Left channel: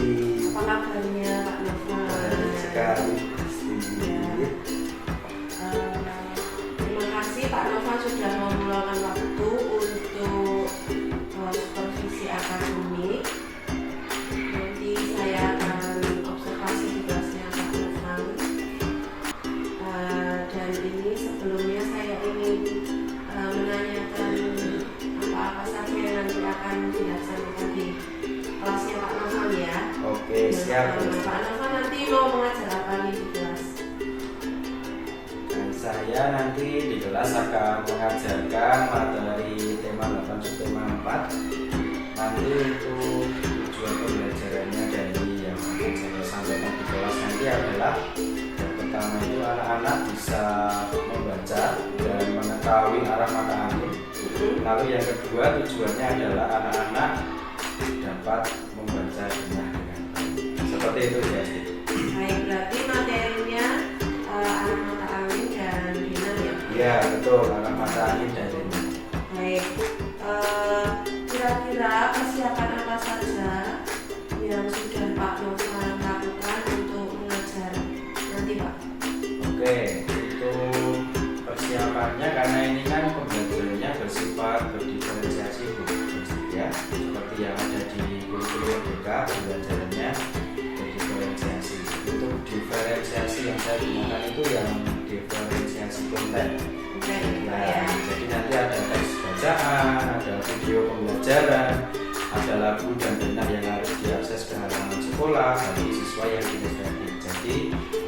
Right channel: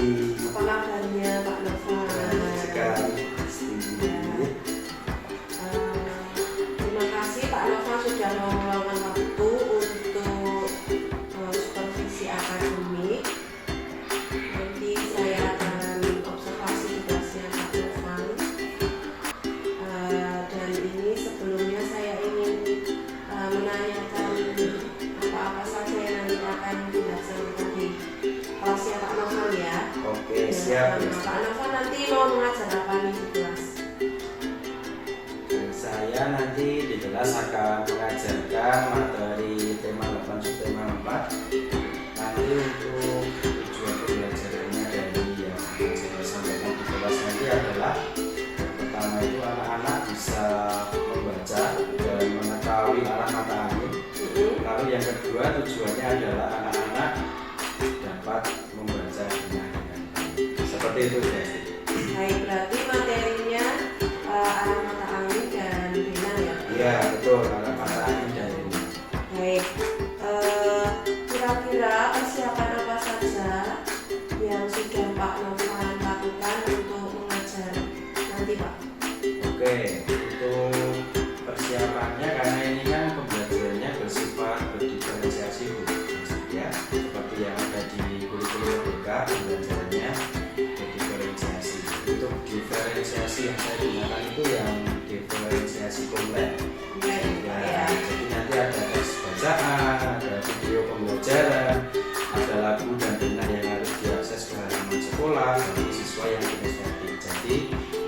Apa kabarnya Pak Novan? Baik sekali, pasti. Ya. Terima kasih Pak Novan sudah mau meluangkan waktu untuk supervisi akademik. Nanti saya akan observasi di kelasnya Pak Novan. Dan ini sebelumnya saya ingin menanyakan apa-apa saja yang nanti akan dilaksanakan di kelasnya Pak Novan ya. Oke, siap. Pak Novan nanti mau mengajar apa nih di kelas? Dan saya nanti di kelas akan mengajarkan materi tema 8 subtema 4. Nanti untuk tujuan pembelajarannya dari yang akan saya sampaikan di kelas nanti adalah yang pertama itu anak-anak bisa membaca dan mengetahui arah mata angin. Lalu yang kedua tujuannya adalah anak-anak dapat membaca dengan seperti itu ya. Baik, berarti materinya arah mata angin dan bina ya? Iya betul, arah mata angin dan bina. Baik, kira-kira persiapan apa saja yang sudah Pak Novan lakukan untuk mengajar nanti Pak? Oke, untuk persiapannya karena ini kan pembelajarannya bersifat berdiferensiasi Bu, ya, seperti yang ada di kurikulum merdeka pembelajarannya berdiferensiasi. Untuk diferensiasi yang saya gunakan itu yang diferensiasi konten. Ya, jadi nanti ada teks bacaan, ada video pembelajaran, ada lagu dan benar yang harus diakses ke halaman sekolah bagi siswa yang kinestetik. Jadi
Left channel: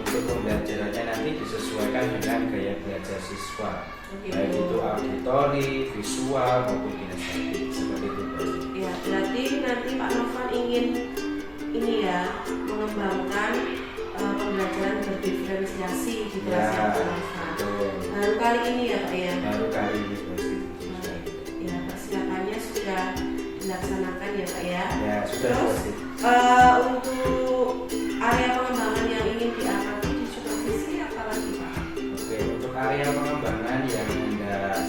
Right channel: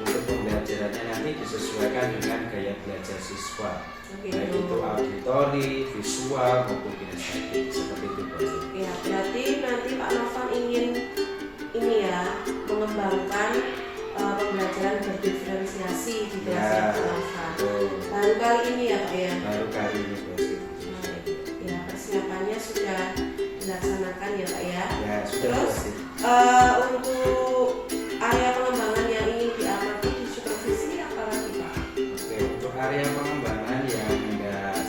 untuk pembelajarannya nanti disesuaikan dengan gaya belajar siswa, baik itu auditori, visual maupun kinestetik seperti itu. Ya, berarti nanti Pak Novan ingin ini ya mengembangkan pembelajaran berdiferensiasi di kelas yang Novan. Baru kali ini ya Pak ya? Baru kali ini Ya, persiapannya sudah dilaksanakan ya Pak ya? Ya sudah. Terus untuk area pengembangan yang ingin diapakan di supervisi apa lagi Pak? Oke, untuk area pengembangan yang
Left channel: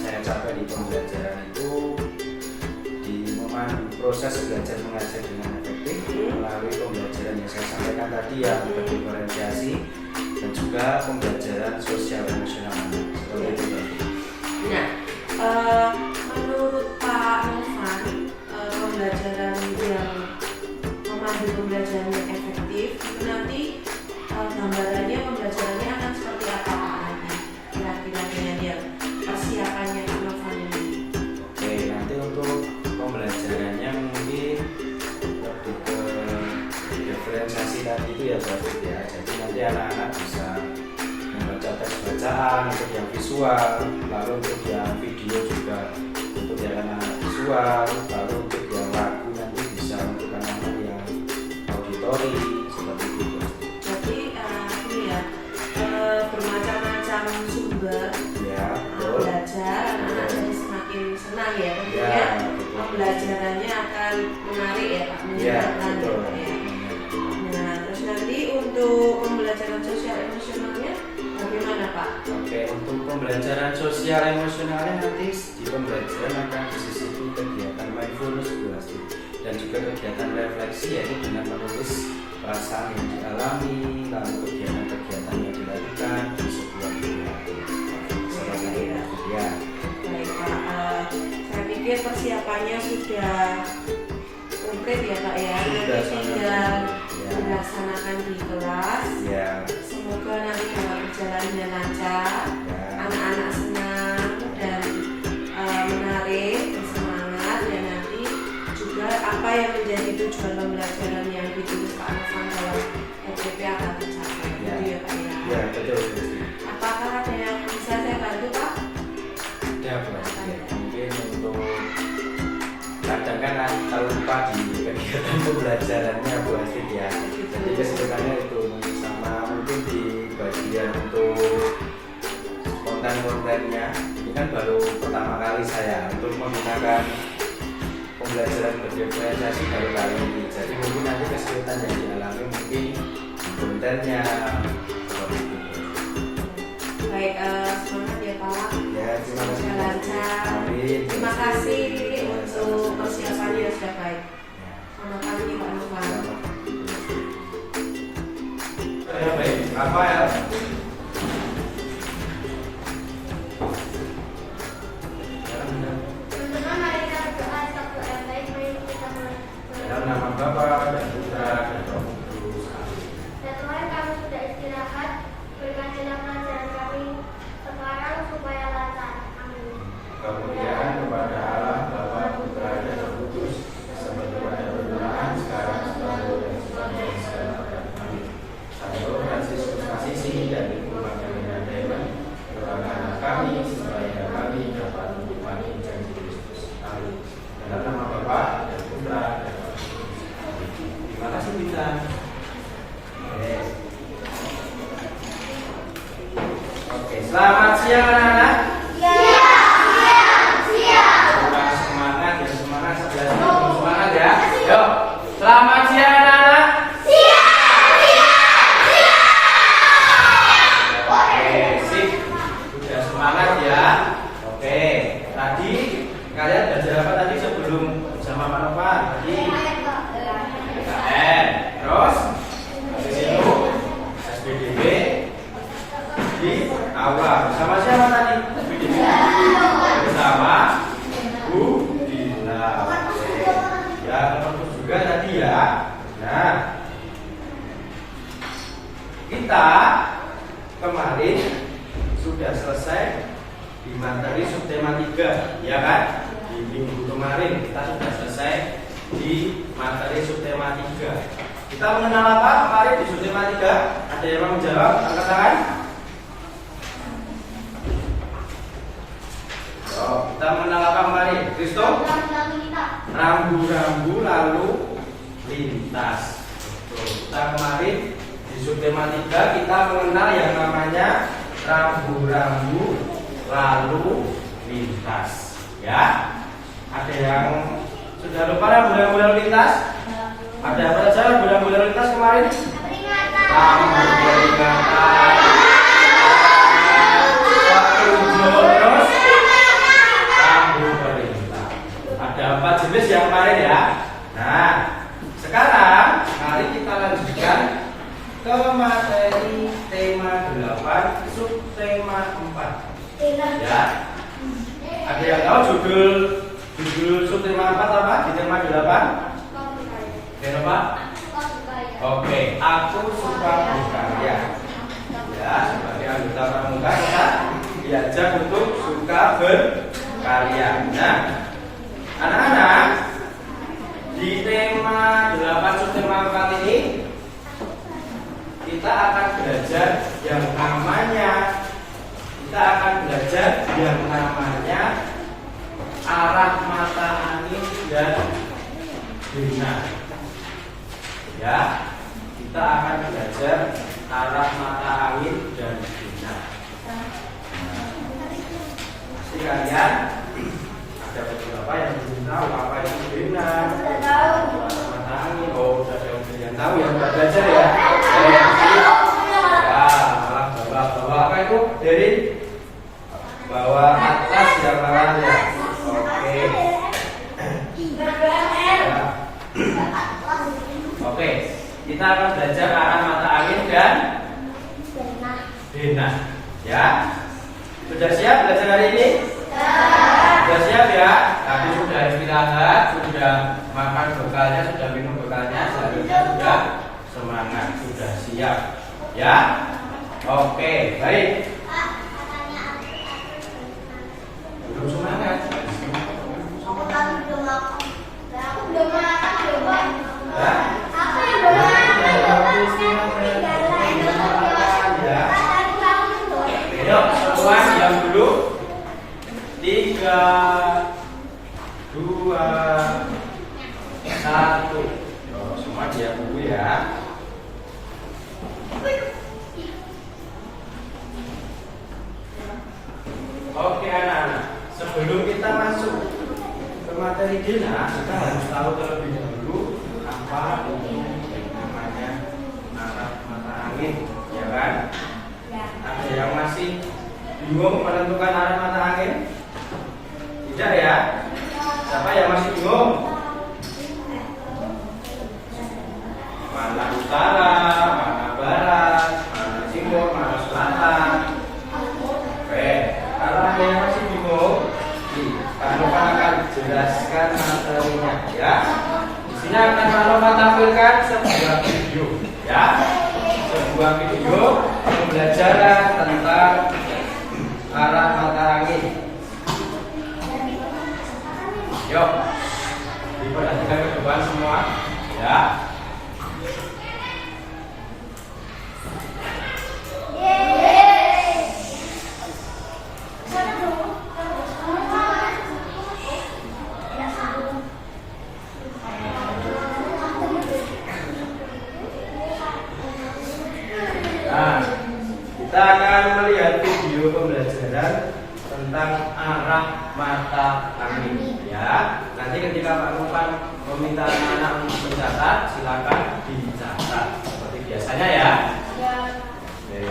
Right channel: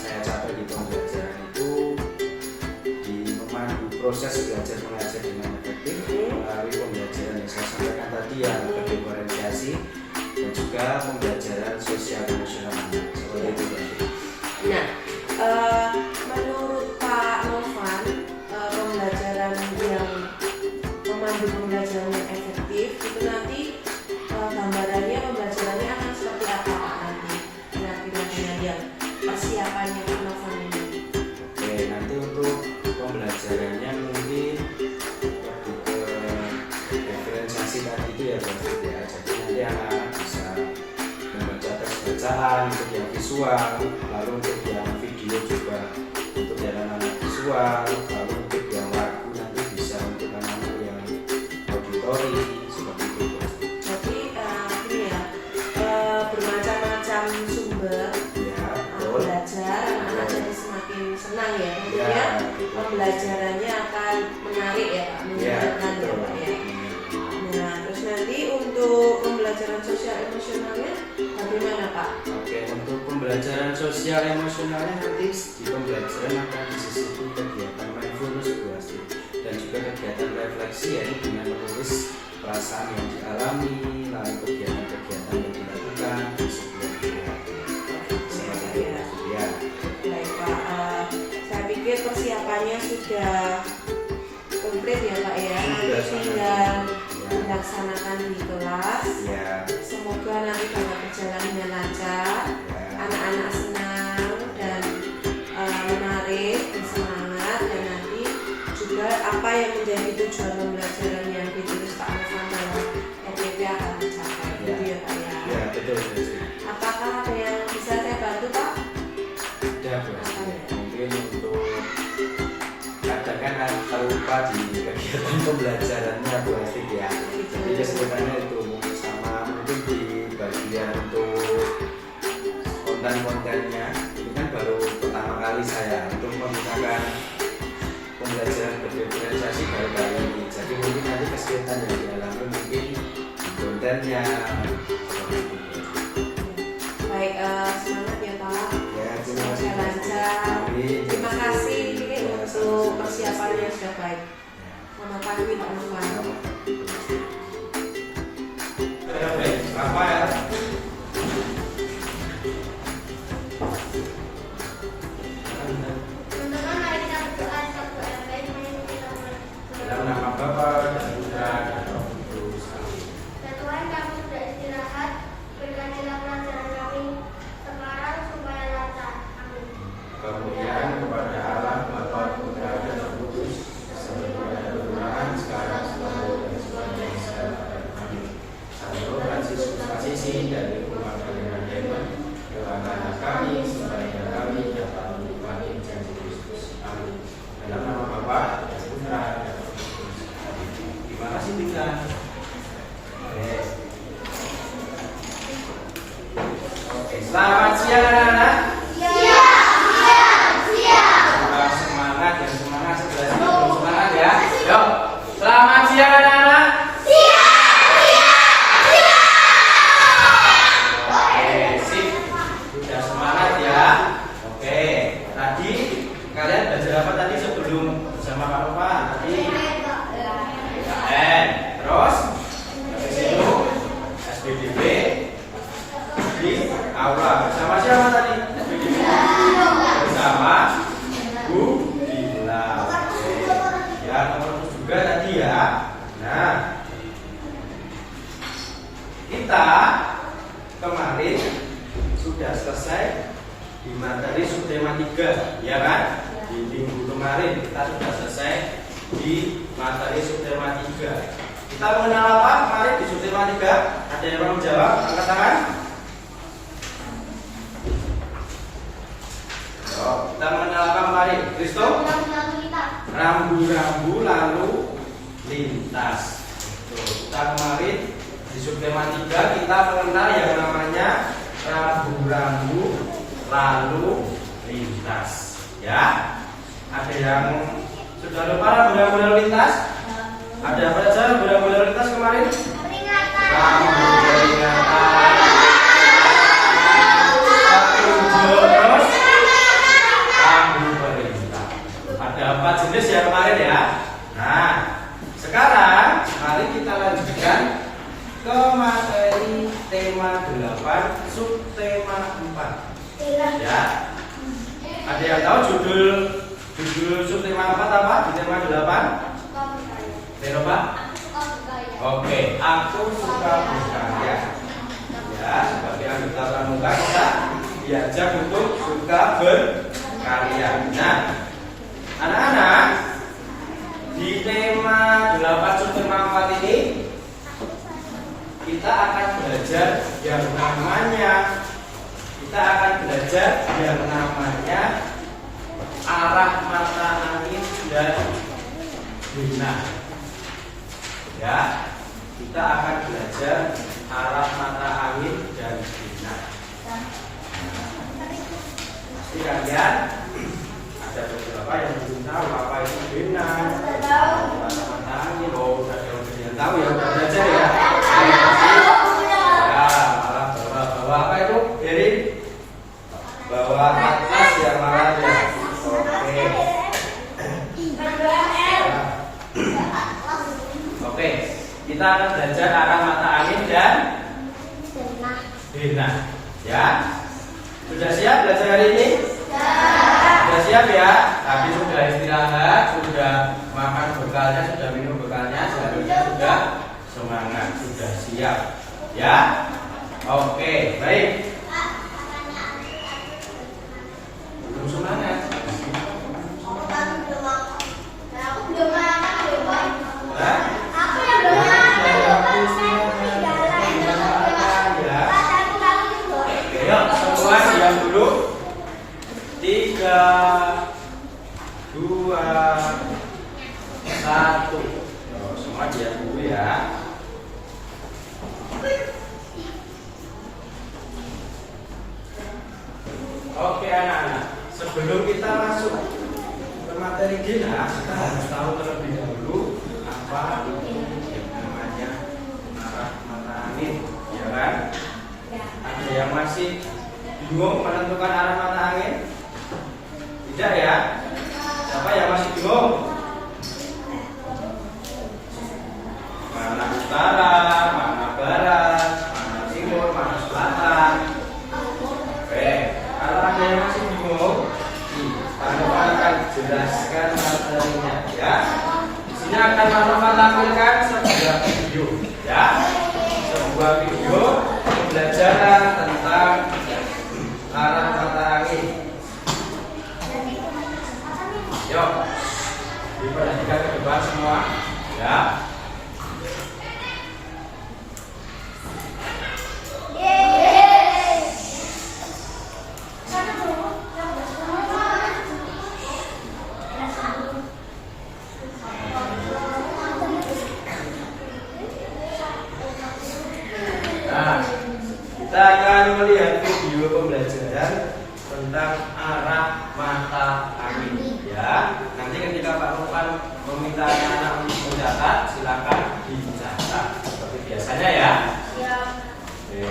saya catat di pembelajaran itu di memandu proses belajar mengajar dengan efektif melalui pembelajaran yang saya sampaikan tadi ya, diferensiasi dan juga pembelajaran sosial emosional seperti itu tadi. Nah, menurut Pak Novan, pembelajaran yang memandu pembelajaran yang efektif itu nanti gambarannya pembelajarannya akan seperti apa Pak nanti? Kira-kira dengan yang persiapannya Pak Novan ini? Oke, nanti untuk pembelajarannya mungkin lebih ke diferensiasi tadi itu ya berarti ya. Jadi nanti anak-anak bisa membaca teks bacaan untuk yang visual, lalu untuk yang video juga untuk yang anak-anak visual, lalu untuk yang lagu nanti bisa untuk anak-anak yang auditori seperti itu. Jadi ini ya bermacam-macam sumber Ya, betul. belajar, anak-anak jadi semakin senang ya. Tentunya Ya, betul. pembelajarannya akan menarik ya Pak, Ya, menyenangkan ya betul. Pak ya. Nah, terus nanti untuk pembelajaran sosial emosionalnya bagaimana Pak? Oke, untuk pembelajaran sosial emosionalnya nanti di pembelajaran akan disisipi kegiatan mindfulness dan juga kegiatan refleksi yaitu dengan menulis perasaan yang dialami, lalu kegiatan-kegiatan yang dilakukan di sebuah kegiatan. Seperti itu ya. Baik Pak, saya pikir persiapannya sudah komplit ya Pak ya. Sudah Nanti sangat tinggal komplit, ya. dilaksanakan di kelas. Ya, Semoga nanti dapat berjalan dengan lancar, ya. anak-anak senang dan menarik, bersemangat, dan nanti juga apa yang menjadi tujuan pembelajaran yang ditulis Pak Novan dalam RPP akan tercapai. Ya. Gitu ya Pak ya. Ya, betul. Apakah ada yang bisa saya bantu Pak? Ya, Bu. Mungkin untuk kadang kan lupa di kegiatan pembelajarannya Bu Asik ya. Jadi kesulitannya itu sama mungkin di bagian untuk konten-kontennya ini kan baru pertama kali saya untuk menggunakan pembelajaran berdiferensiasi baru kali ini. Jadi mungkin nanti kesulitan yang dialami mungkin di kontennya. Baik, semangat ya Pak. Ya, terima kasih. Semoga lancar. Terima kasih untuk persiapannya yang sudah baik. Selamat pagi Pak Novan. Teman-teman, mari kita berdoa satu yang baik. Mari kita Dalam nama Bapa dan Putra dan Roh Kudus. Amin. Dan Tuhan, kami sudah istirahat. Berkatilah pelajaran kami sekarang supaya lancar. Amin. Kemuliaan kepada Allah Bapa, Putra dan Roh Kudus, seperti pada permulaan, sekarang, selalu dan selamanya. Amin. Santo Fransiskus Asisi dari umat kalian Dewan, doakanlah kami supaya kami dapat menikmati janji Kristus. Amin. Dalam nama Bapa dan Putra dan Roh Kudus. Amin. Terima kasih kita. Oke, selamat siang anak-anak. Kurang semangat dan semangat sebelah sini belum semangat ya. Yuk, selamat siang anak-anak. Oke, sip. Sudah semangat ya. Oke, tadi kalian belajar apa tadi sebelum bersama Pak Novan? Tadi PKN. Terus habis itu SPDB di aula. Bersama siapa tadi? SPDB bersama Bu Dila. Oke. Ya, terus juga tadi ya. Nah, kita kemarin sudah selesai di materi subtema 3, ya kan? Di minggu kemarin kita sudah selesai di materi subtema 3. Kita mengenal apa kemarin di subtema 3? Ada yang mau menjawab? Angkat tangan. Kita mengenal apa kemarin? Kristo? Rambu-rambu lalu lintas. Betul. Kita kemarin di subtema 3 kita mengenal yang namanya rambu-rambu lalu lintas. Ya. Ada yang sudah lupa rambu-rambu lalu lintas? Ada apa saja rambu-rambu lalu lintas kemarin? Rambu peringatan, terus rambu perintah. Ada 4 jenis yang kemarin ya. Nah, sekarang mari kita lanjutkan ke materi tema 8 subtema 4. Ya. Ada yang tahu judul subtema 4 apa di tema 8? Apa? Oke, aku suka berkarya. Ya, sebagai anggota pramuka kita diajak untuk suka berkarya. Nah, anak-anak, di tema 8 subtema 4 ini kita akan belajar yang namanya arah mata angin dan bina. Ya, kita akan belajar arah mata angin dan bina. Pasti kalian ada beberapa yang belum tahu apa itu bina, arah mata angin. Oh, ada yang tahu ya, udah belajar ya. Ya, malah bawa apa itu? Dari bawa atlas yang malahnya. Oke. Oke, kita akan belajar arah mata angin dan bina. Ya, sudah siap belajar hari ini? Sudah siap ya? Tadi sudah istirahat, sudah makan bekalnya, sudah minum bekalnya, seharusnya sudah semangat, sudah siap. Ya, oke, baik. Belum semangat. Yuk, semua diam dulu. 3, 2, 1. Semua diam dulu ya. Oke anak-anak, sebelum kita masuk ke materi bina, kita harus tahu terlebih dahulu apa itu namanya arah mata angin, ya kan? Ada yang masih bingung menentukan arah mata angin? Tidak ya? Siapa yang masih bingung? Mana utara, mana barat, mana timur, mana selatan? tampilkan sebuah video, ya, sebuah video pembelajaran tentang arah mata angin. Yuk, diperhatikan ke depan semua, ya. Nah, kita akan melihat video pembelajaran tentang arah mata angin, ya. Nanti ketika Pak Nurfan meminta anak-anak mencatat, silakan dicatat seperti biasanya, ya. Oke.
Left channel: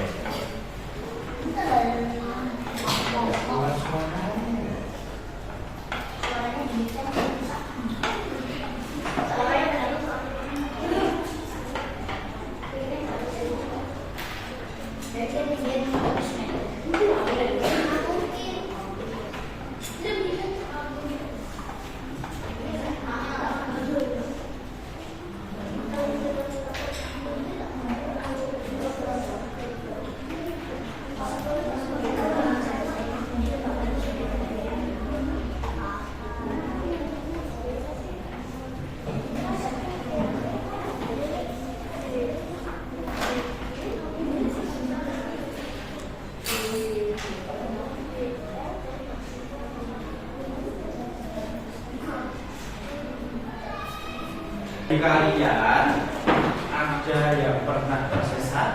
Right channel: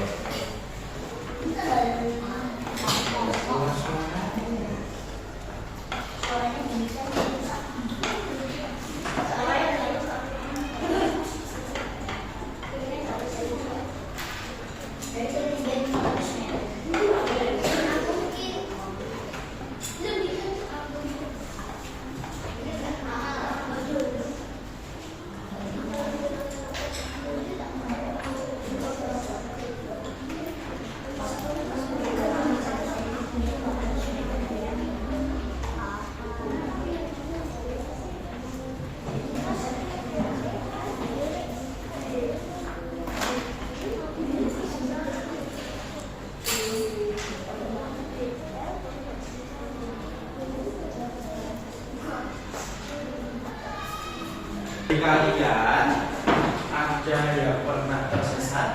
Kalian ada yang pernah tersesat?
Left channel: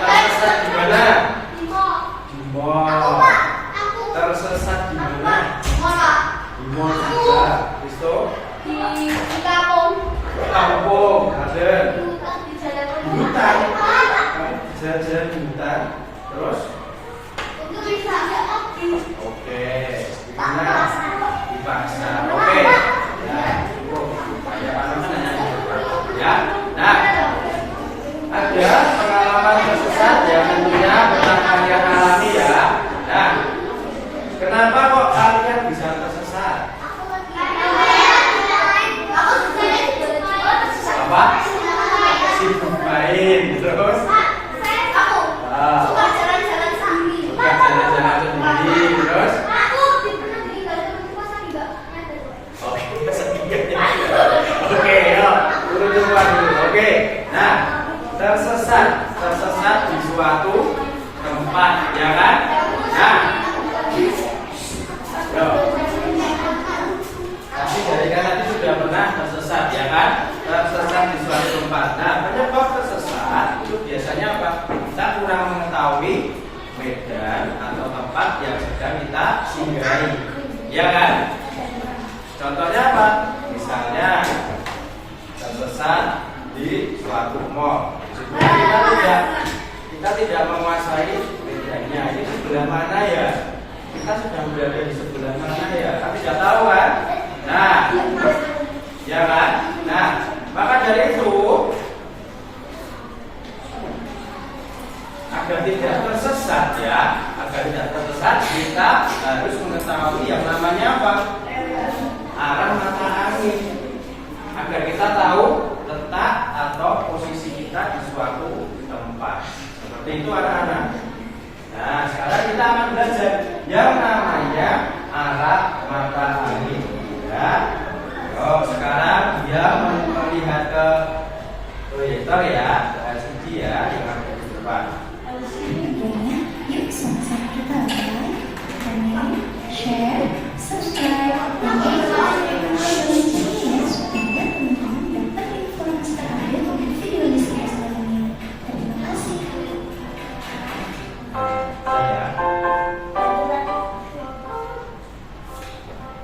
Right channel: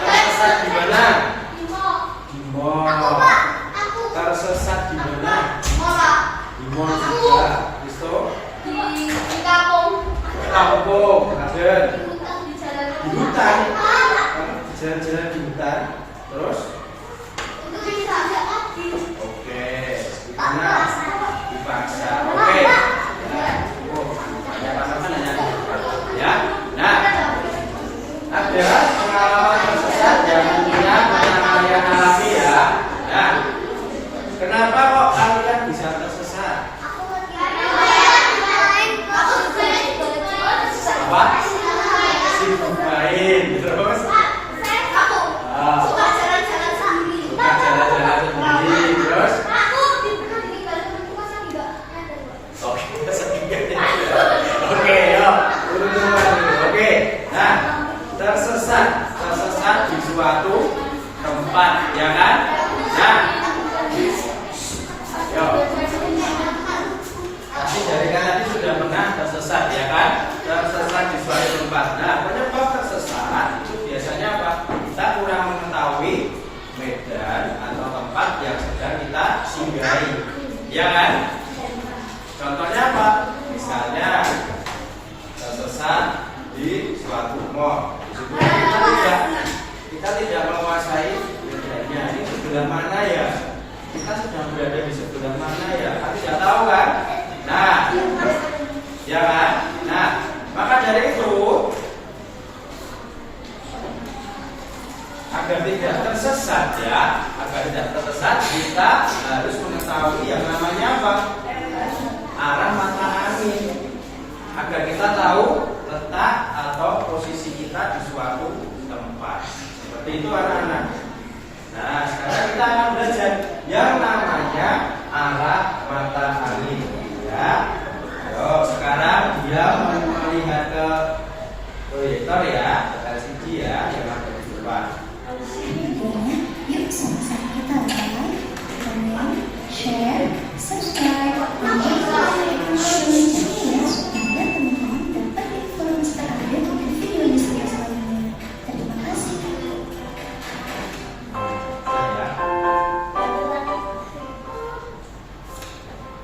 Tersesat di mana? Di mall. Tersesat di mana? Di mall juga. Risto? Di kampung. Ada. Di hutan. Jalan-jalan di hutan. Terus? Oke. Di mana? Di pasar. Oke. Ya, cukup. Ya, Pak Norman hanya ya. Nah, ada pengalaman tersesat yang tentunya pernah kalian alami, ya. Nah, kenapa kok kalian bisa tersesat? Apa? Sibuk main. Terus? Suka jalan-jalan sendiri. Terus? Oke, yuk, urut-urutan dulu. Oke, nah, tersesat di suatu tempat, ya kan? Nah, yuk. Pasti dari kan tadi sudah pernah tersesat, ya kan? Tersesat di suatu tempat. Nah, penyebab tersesat itu biasanya apa? Kita kurang mengetahui medan atau tempat yang sedang kita singgahi, ya kan? Contohnya apa? Misalnya tersesat di suatu mall. Kita tidak menguasai medannya. Ini sebelah mana ya? Kita sedang berada di sebelah mana ya? Kita tidak tahu kan? Nah, ya kan? Nah, maka dari itu agar tidak tersesat, ya, agar tidak tersesat kita harus mengetahui yang namanya apa? Arah mata angin, agar kita tahu letak atau posisi kita di suatu tempat. Seperti itu anak-anak. Nah, sekarang kita akan belajar yang namanya arah mata angin, ya. Yuk, sekarang dia melihat ke proyektor, ya, ke LCD, ya, yang ada di depan. Yuk sama-sama kita like, comment, share, subscribe, dan share supaya teman-teman dapat informasi terupdate dari video listrik selanjutnya. Terima kasih.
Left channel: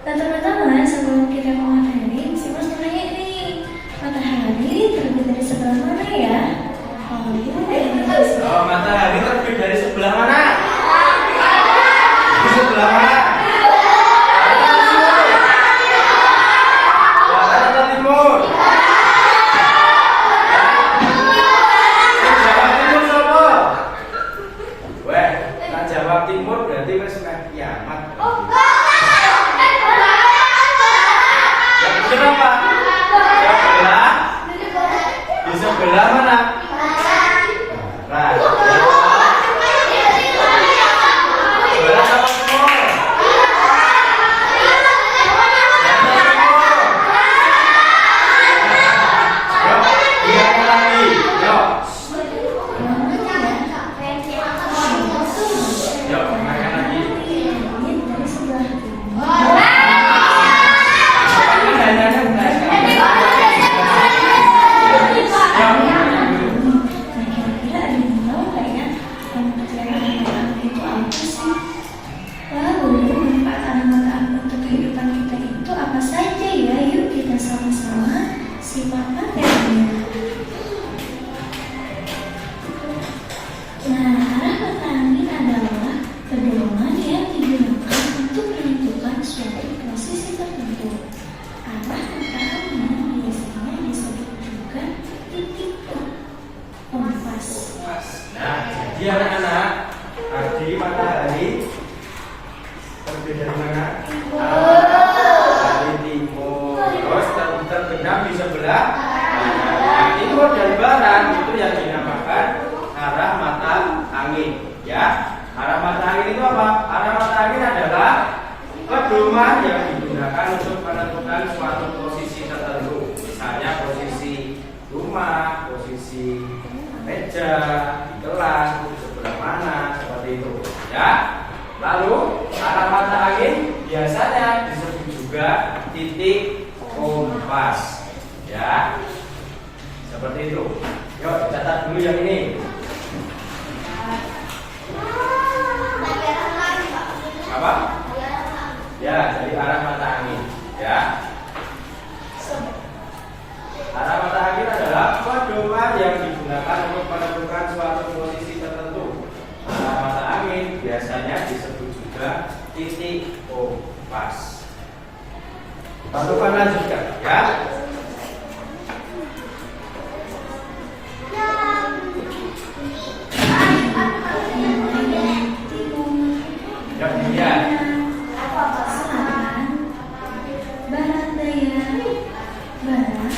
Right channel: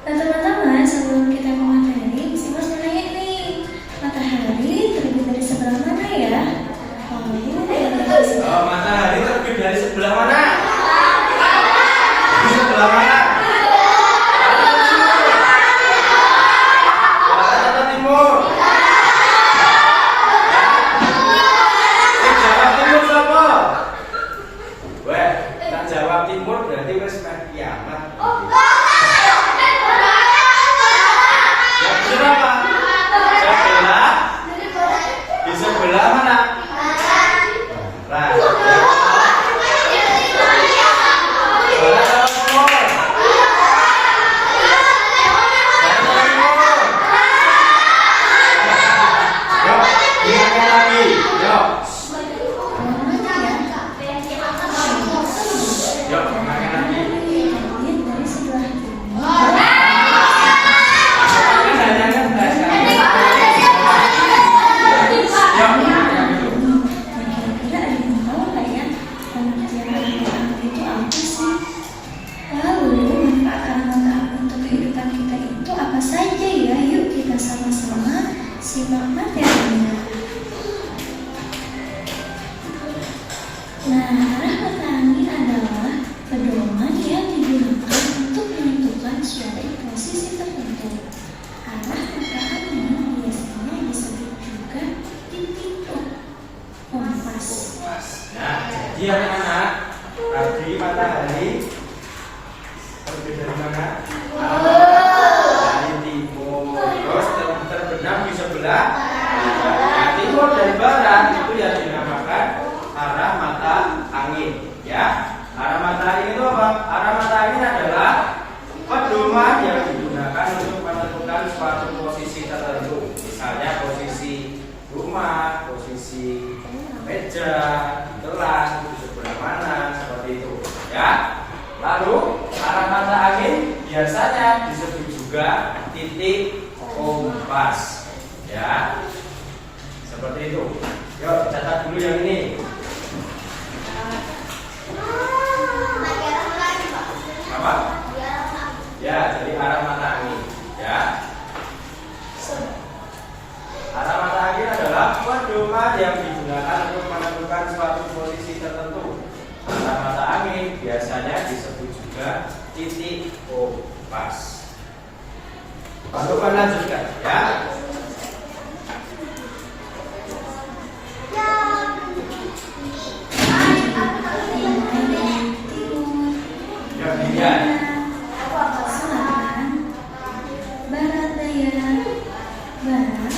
Pertama-tama sebelum kita ke materi, saya harus menanya nih, matahari terbit dari sebelah mana ya? Matahari terbit dari sebelah mana? Di sebelah mana? Sebelah mana? Barat. Barat apa timur? Yuk, ingatkan lagi. Yuk, yuk, ingatkan lagi. Langit dari sebelah timur. Kira-kira ada yang tahu nggak ya pengertian arah mata angin itu apa sih? Lalu manfaat arah mata angin untuk kehidupan kita itu apa saja ya? Yuk kita sama-sama simak materinya. Nah, arah mata angin adalah pedoman yang digunakan untuk menentukan suatu posisi tertentu. Arah mata angin biasanya disebut juga titik kompas. Nah, jadi anak-anak, tadi matahari terbit dari mana? Dari timur. Terus terbenam di sebelah barat. Nah, itu dari barat itu yang dinamakan arah mata angin. Ya, arah mata angin itu apa? Arah mata angin adalah pedoman yang digunakan untuk menentukan suatu posisi tertentu. Misalnya posisi rumah, posisi meja, di kelas, di sebelah mana, seperti itu. Ya. Lalu arah mata angin biasanya disebut juga titik kompas. Ya. Seperti itu. Yuk, catat dulu yang ini. Apa? Ya, jadi arah mata angin. Ya. Arah mata angin adalah pedoman yang digunakan untuk menentukan suatu posisi tertentu. Arah mata angin biasanya disebut juga titik kompas. Lalu lanjutkan, ya. Yang dilihat. Selatan, barat daya, barat,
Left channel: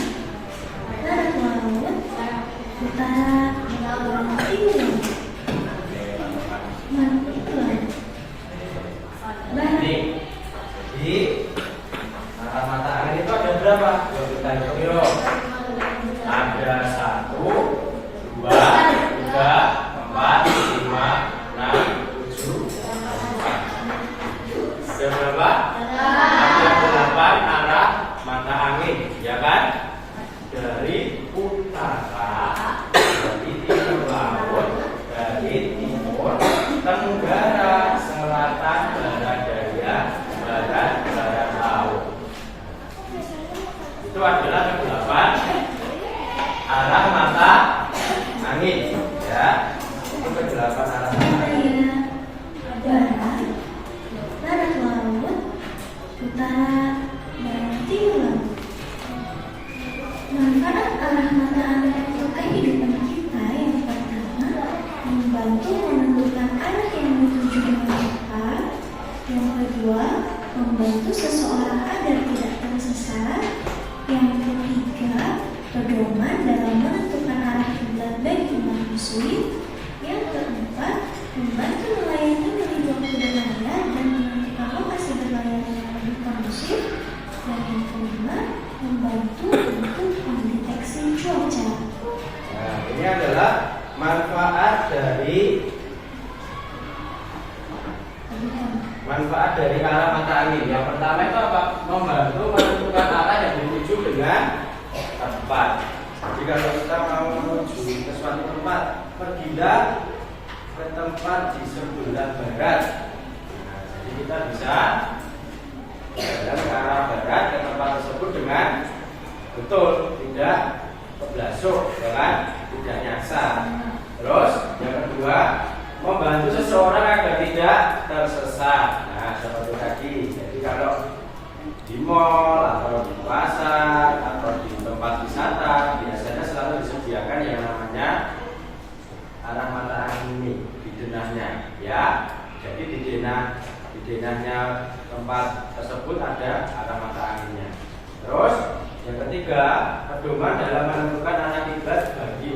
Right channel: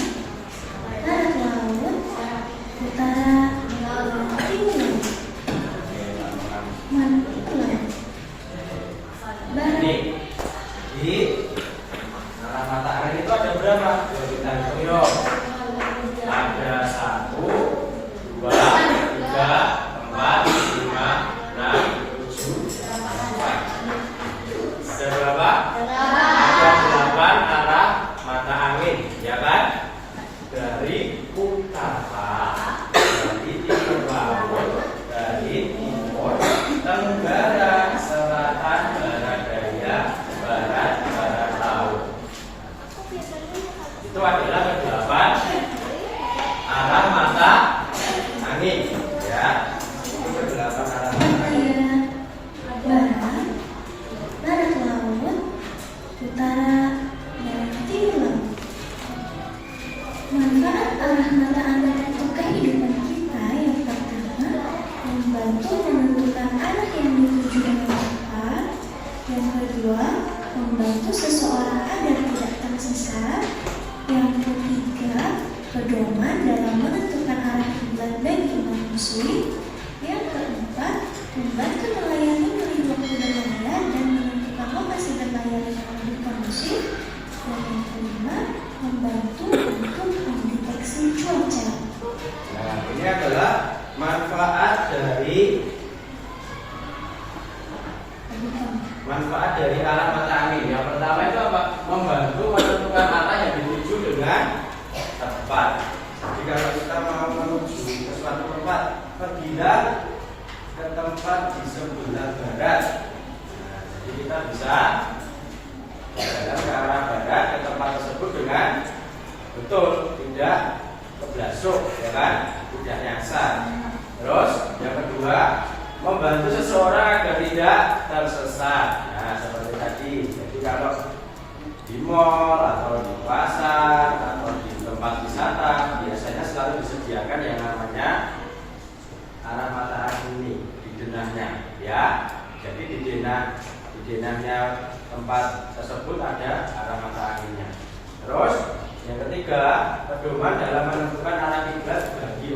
barat laut, utara, timur, mantulan, barat. Nih, di arah mata angin itu ada berapa? Yuk kita hitung yuk. Ada 1, 2, 3, 4, 5, 6, 7. Ada berapa? Ada 8 arah mata angin, ya kan? Dari utara, dari timur laut, dari timur, tenggara, selatan, barat daya, barat, barat laut. Itu adalah ke-8 arah mata angin, ya. Itu ke-8 arah mata angin. Barat, barat laut, utara, dan timur. Manfaat arah mata angin untuk kehidupan kita yang pertama, membantu menentukan arah yang dituju dengan tepat. Yang kedua, membantu seseorang agar tidak tersesat. Yang ketiga, pedoman dalam menentukan arah kiblat bagi umat muslim. Yang keempat, membantu melayani menuju waktu berlayar dan menentukan lokasi berlayar yang lebih kondusif. Dan yang kelima, membantu untuk mendeteksi cuaca. Nah, ini adalah manfaat dari arah mata angin. Yang pertama itu apa? Membantu menentukan arah yang dituju dengan tepat. Jadi kalau kita mau menuju ke suatu tempat, pergilah ke tempat di sebelah barat. Nah, jadi kita bisa berjalan ke arah barat ke tempat tersebut dengan betul, tidak keblasuk, ya kan? Tidak nyasar. Terus yang kedua, membantu seseorang agar tidak tersesat. Nah, seperti tadi. Jadi kalau di mall atau di pasar atau di tempat wisata biasanya selalu disediakan yang namanya arah mata angin ini di denahnya, ya. Jadi di denahnya tempat tersebut ada arah mata anginnya. Terus yang ketiga, pedoman dalam menentukan arah kiblat bagi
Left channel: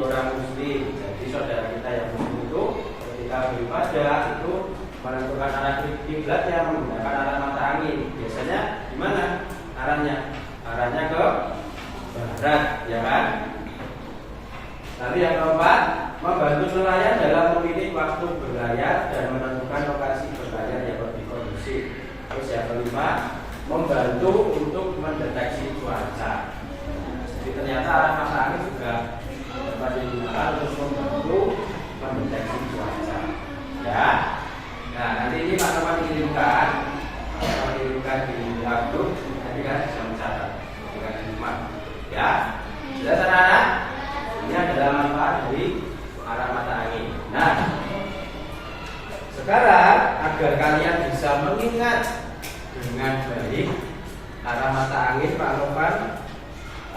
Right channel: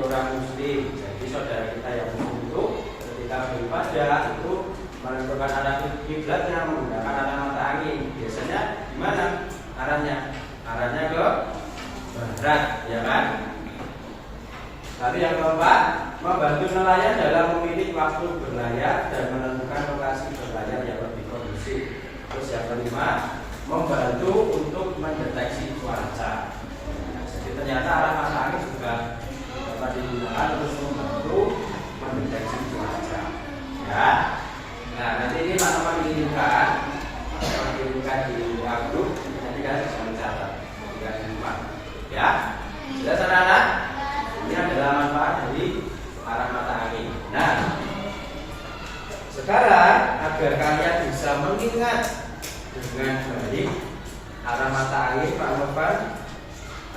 yang keempat, membantu nelayan dalam memilih waktu berlayar dan menentukan lokasi berlayar yang lebih kondusif. Terus yang kelima, membantu untuk mendeteksi cuaca. Jadi ternyata arah mata angin juga dapat digunakan untuk membantu mendeteksi cuaca. Ya. Nah, nanti ini teman-teman dikirimkan di grup, nanti kalian bisa mencatat ketika di rumah. Ya. Sudah anak-anak? Ini adalah manfaat dari arah mata angin. Nah, sekarang agar kalian bisa mengingat dengan baik arah mata angin, Pak Novan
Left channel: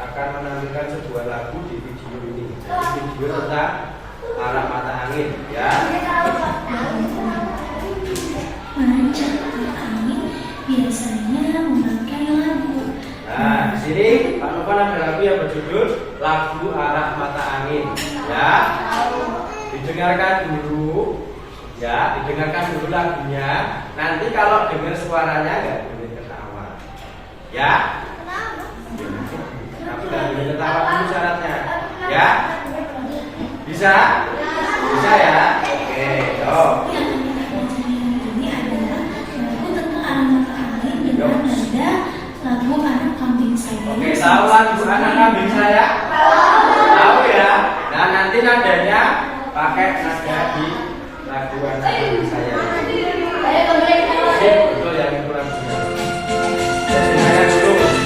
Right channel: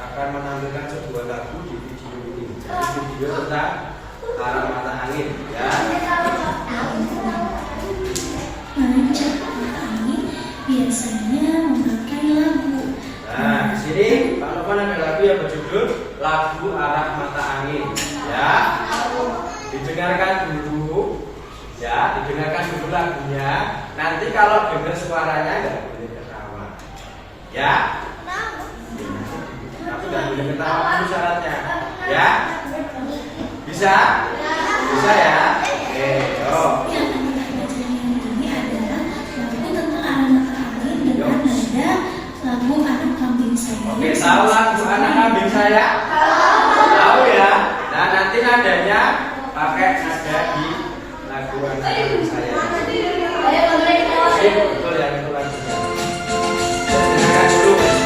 akan menampilkan sebuah lagu di video ini. Jadi video tentang arah mata angin, ya. Mengajak angin biasanya memakai lagu. Nah, di sini Pak Novan ada lagu yang berjudul Lagu Arah Mata Angin, ya. Didengarkan dulu, ya. Didengarkan dulu lagunya. Nanti kalau dengar suaranya nggak boleh ketawa, ya. Tapi nggak boleh ketawa dulu syaratnya, ya. Bisa? Bisa ya? Oke, yuk. Yang kita pelajari ini adalah lagu tentang arah mata angin dengan nada lagu anak kambing saya. Oke, tahu lagu anak kambing saya? Tahu ya? Nah, nanti nadanya pakai nada di lagu anak kambing saya. Sip, betul yang itu lagunya. Dengarkan dulu.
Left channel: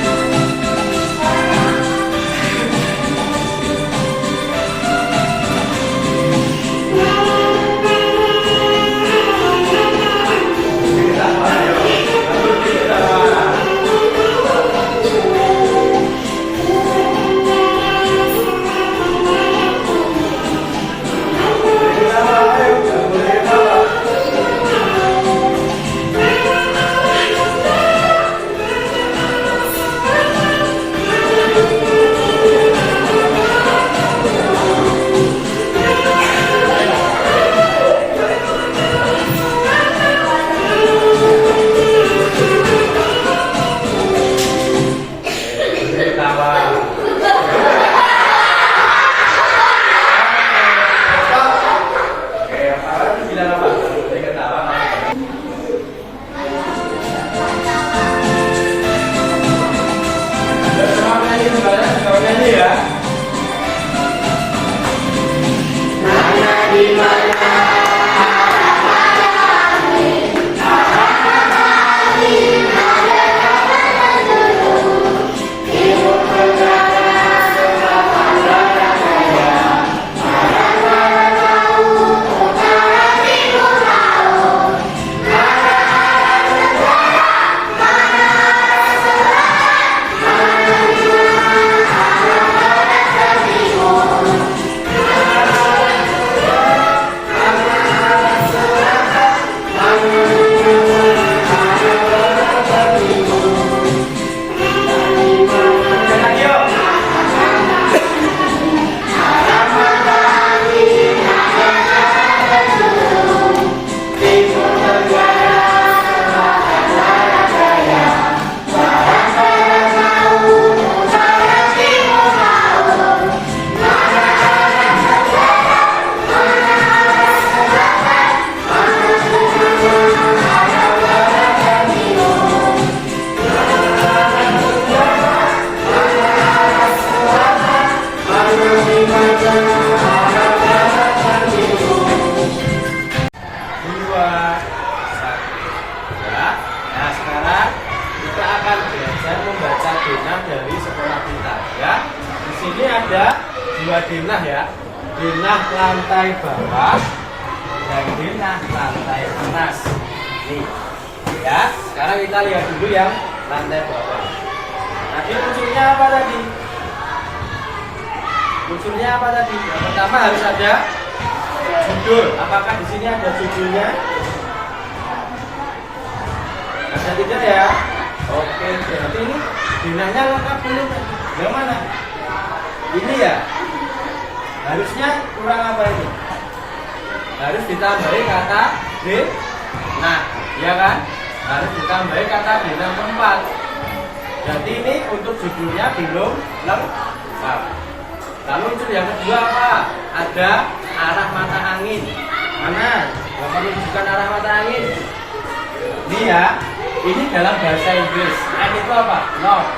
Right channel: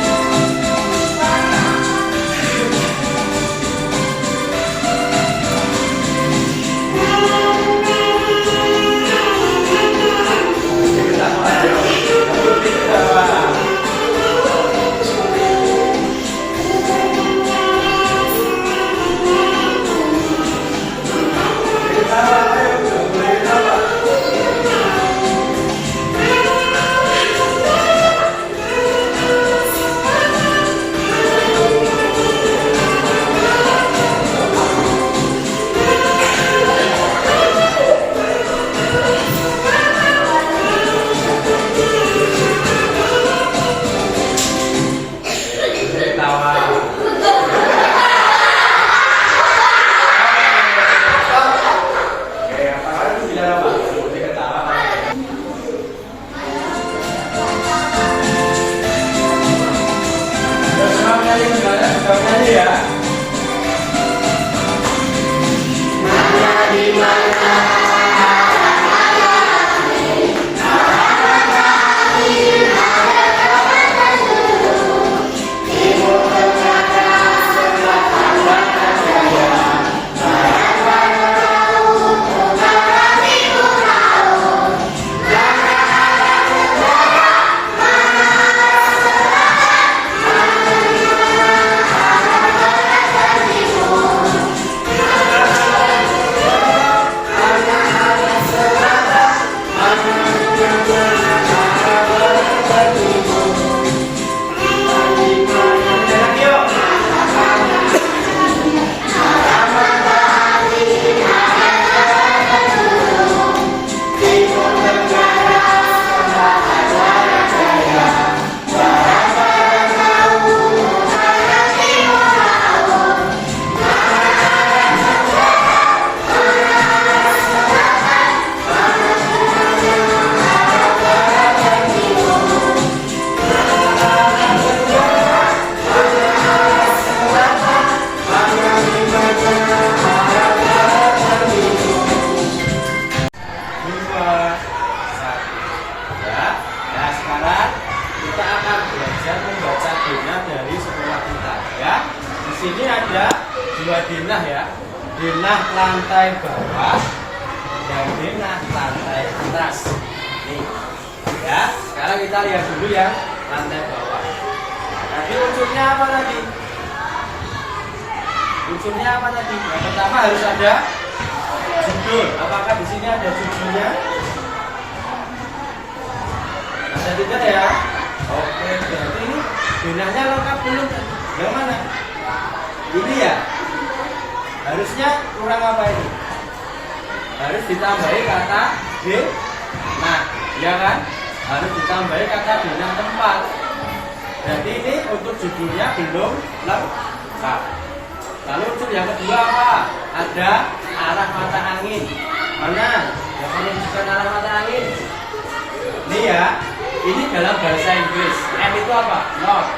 sini ada dua denah ya, denah lantai bawah dan denah lantai atas. Nih, ya. Sekarang kita lihat dulu yang lantai bawah. Tadi unsurnya apa tadi? Unsurnya apa tadi? Yang pertama harus ada judul. Apakah di sini ada judulnya? Ada tidak ya? Oke, jadi ini denahnya lengkap belum? Yang mana? Ini ya. Harusnya kurang apa ini? Harus ditambahi kata denah, ya kan? Harus ditambahi kata denah tempat. Jadi ini untuk judulnya belum lengkap. Lalu unsur yang kedua apa? Ada arah mata angin. Mana? Yang menunjukkan arah mata angin. Ini ya. Ini dalam bahasa Inggris. M itu apa? North.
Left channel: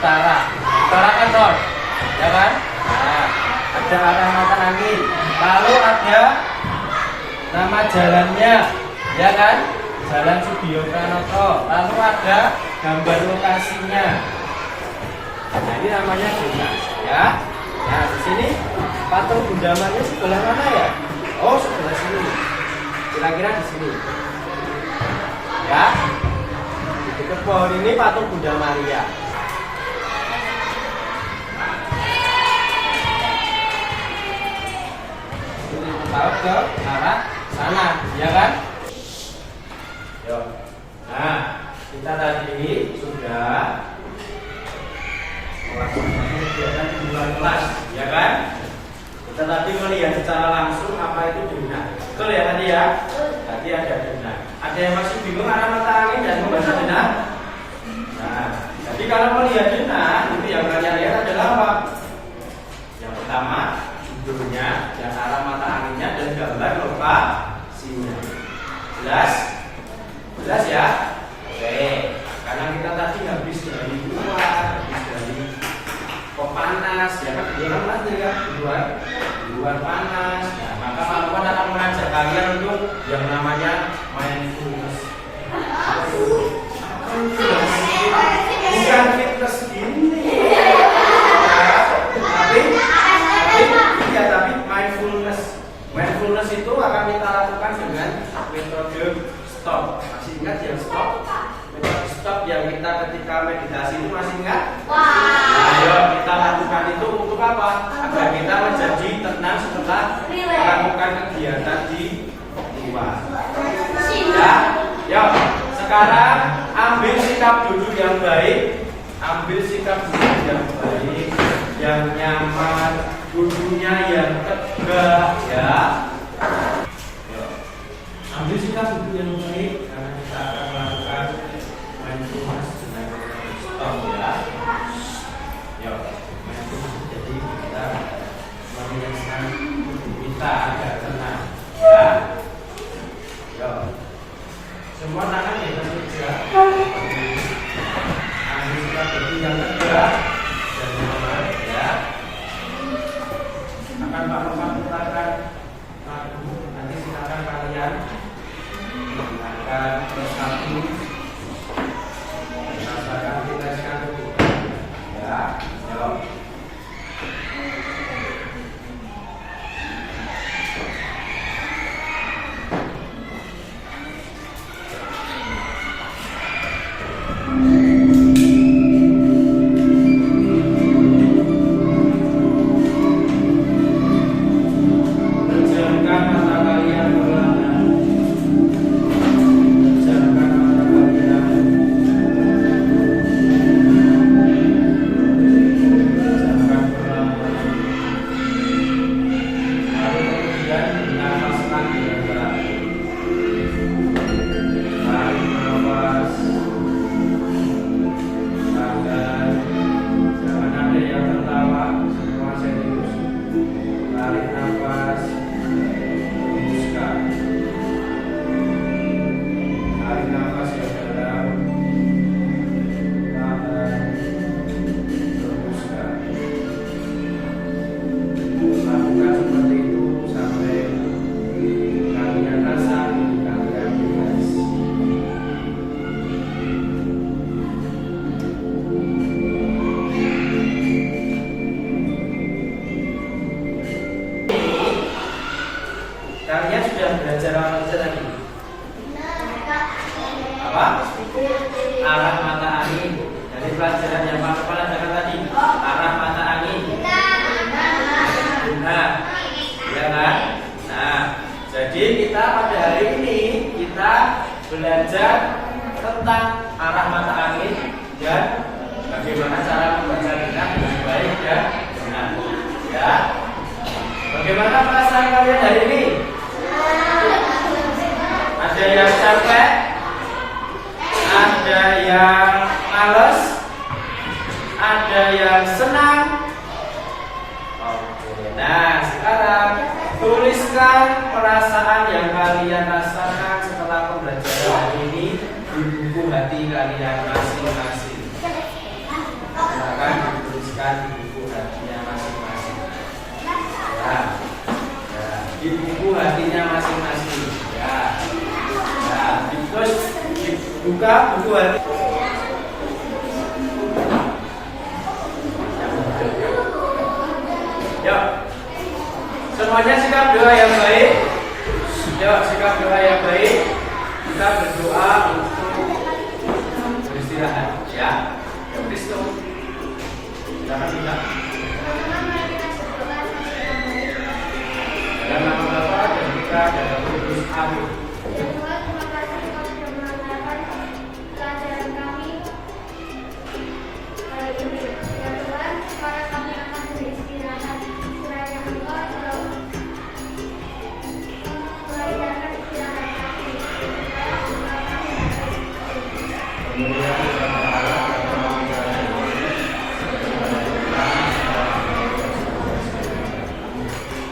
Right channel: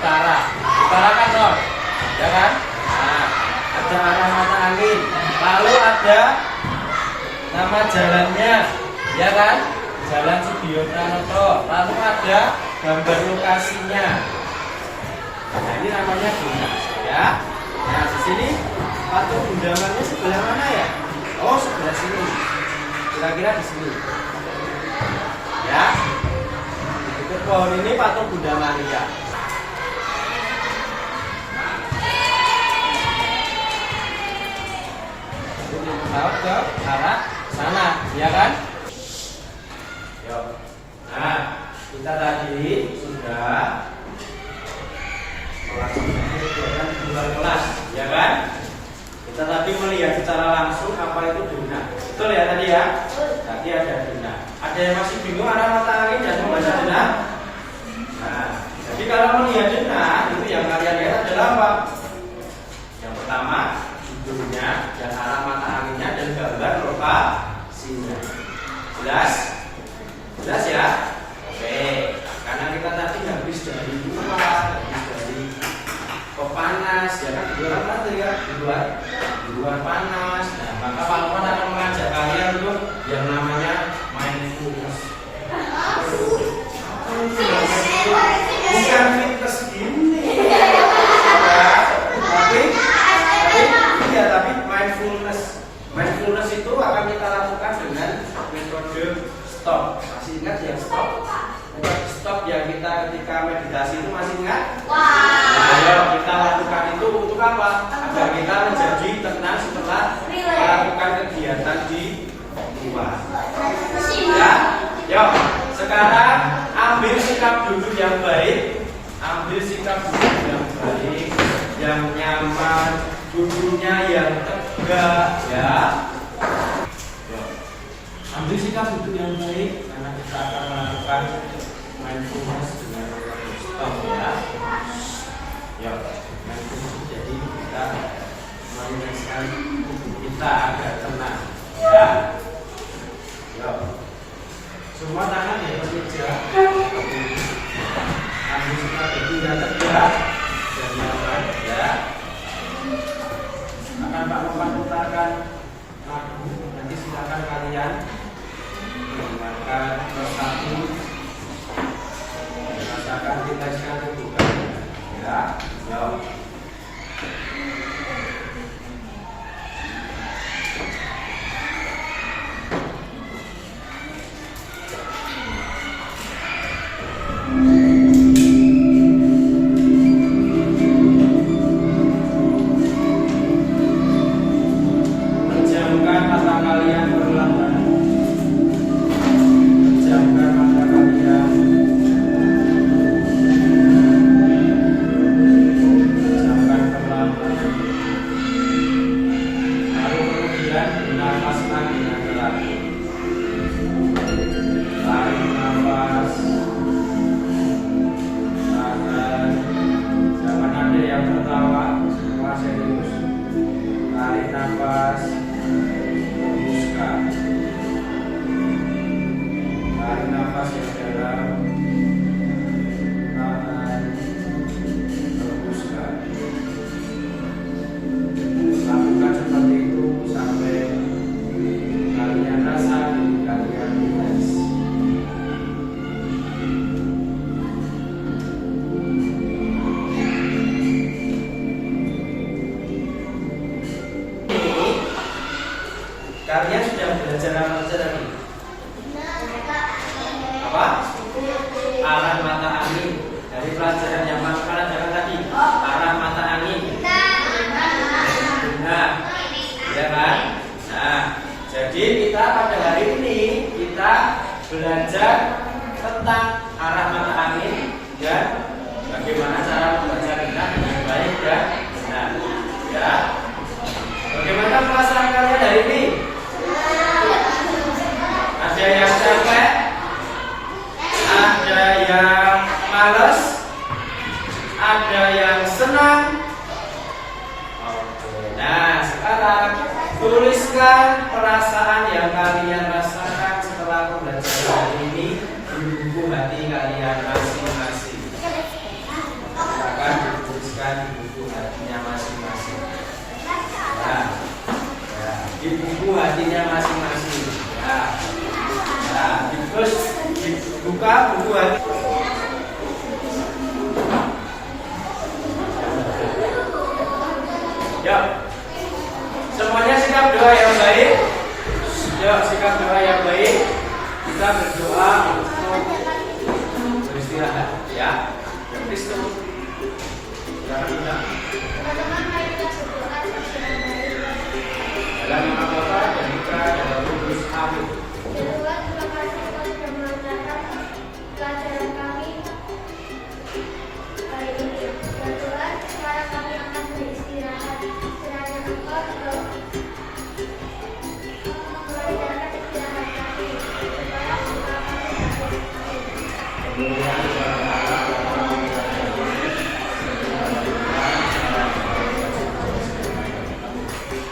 Utara. Utara kan north. Ya kan? Nah, ada arah mata angin. Lalu ada nama jalannya. Ya kan? Jalan Sudiyo Pranoto. Lalu ada gambar lokasinya. Nah, ini namanya zona, ya. Nah, di sini patung Bunda Maria sebelah mana ya? Oh, sebelah sini. Kira-kira di sini. Ya. Di dekat pohon ini patung Bunda Maria. Tahu ke arah sana, ya kan? Yuk. Nah, kita tadi sudah melakukan kegiatan di luar kelas, ya kan? Kita tadi melihat secara langsung apa itu zona. Betul ya tadi ya? Tadi ada zona. Ada yang masih bingung arah mata angin dan membaca zona? Nah, jadi kalau melihat zona, itu yang kalian lihat adalah apa? Yang pertama, judulnya, yang arah mata anginnya dan gambar lokasinya. Jelas? Jelas ya? Oke. Karena kita tadi habis dari luar, habis dari panas, ya kan? Di luar panas ya? Di luar panas. Nah, maka Pahlawan akan mengajak kalian untuk yang namanya mindfulness. Bukan fitness gini. Tapi mindfulness. Mindfulness itu akan kita lakukan dengan metode stop. Masih ingat yang stop? Metode stop yang kita ketika meditasi itu masih ingat? Nah, ayo kita lakukan itu untuk apa? Agar kita menjadi tenang setelah melakukan kegiatan di luar. Ya, yuk. Sekarang ambil sikap duduk yang baik. Ambil sikap duduk yang baik, yang nyaman, duduknya yang tegak, ya. Ambil sikap duduk yang baik karena kita akan melakukan mindfulness dengan stop, ya. Ya, mindfulness jadi kita merilekskan tubuh kita agar tenang, ya. Ya. Semua tangan di atas meja. Ambil sikap duduk yang tegak dan nyaman, ya. Akan Pak Lompat putarkan lagu, nanti silakan kalian menggunakan satu merasakan rileksan tubuh kalian, ya. Yuk. Pejamkan mata kalian perlahan. Pejamkan mata kalian. Pejamkan perlahan. Lalu kemudian bernafaskan dengan terakhir. Tarik nafas. Agar jangan ada yang tertawa, semua serius. Tarik nafas. Hembuskan. Tarik nafas yang dalam. Tahan. Hembuskan. Lakukan seperti itu sampai kalian rasa diri kalian rileks. Kalian sudah belajar apa saja tadi? Apa? Arah mata angin. Dari pelajaran yang mana pelajaran tadi? Arah mata angin. Nah, ya kan? Nah, jadi kita pada hari ini kita belajar tentang arah mata angin dan bagaimana cara membaca dengan baik dan benar. Ya. Bagaimana perasaan kalian hari ini? Ada yang capek? Ada yang males? Ada yang senang? Tuliskan perasaan yang kalian rasakan setelah pembelajaran hari ini di buku hati kalian masing-masing. Silakan dituliskan di buku hatinya masing-masing. Ya, di buku hatinya masing-masing. Terus dibuka buku hati. Yuk, semuanya sikap doa yang baik. Yuk, sikap doa yang baik. Kita berdoa untuk beristirahat. Ya, Kristo. Silakan kita. Dalam nama Bapa dan Putra dan Roh Kudus. Amin. Pelajaran kami hari ini. Ya Tuhan, sekarang kami akan beristirahat. Kiranya Engkau mengajarkan istirahat kami, supaya Engkau kami dapat. Kemudian kepada Allah Bapa Putra dan Roh Kudus.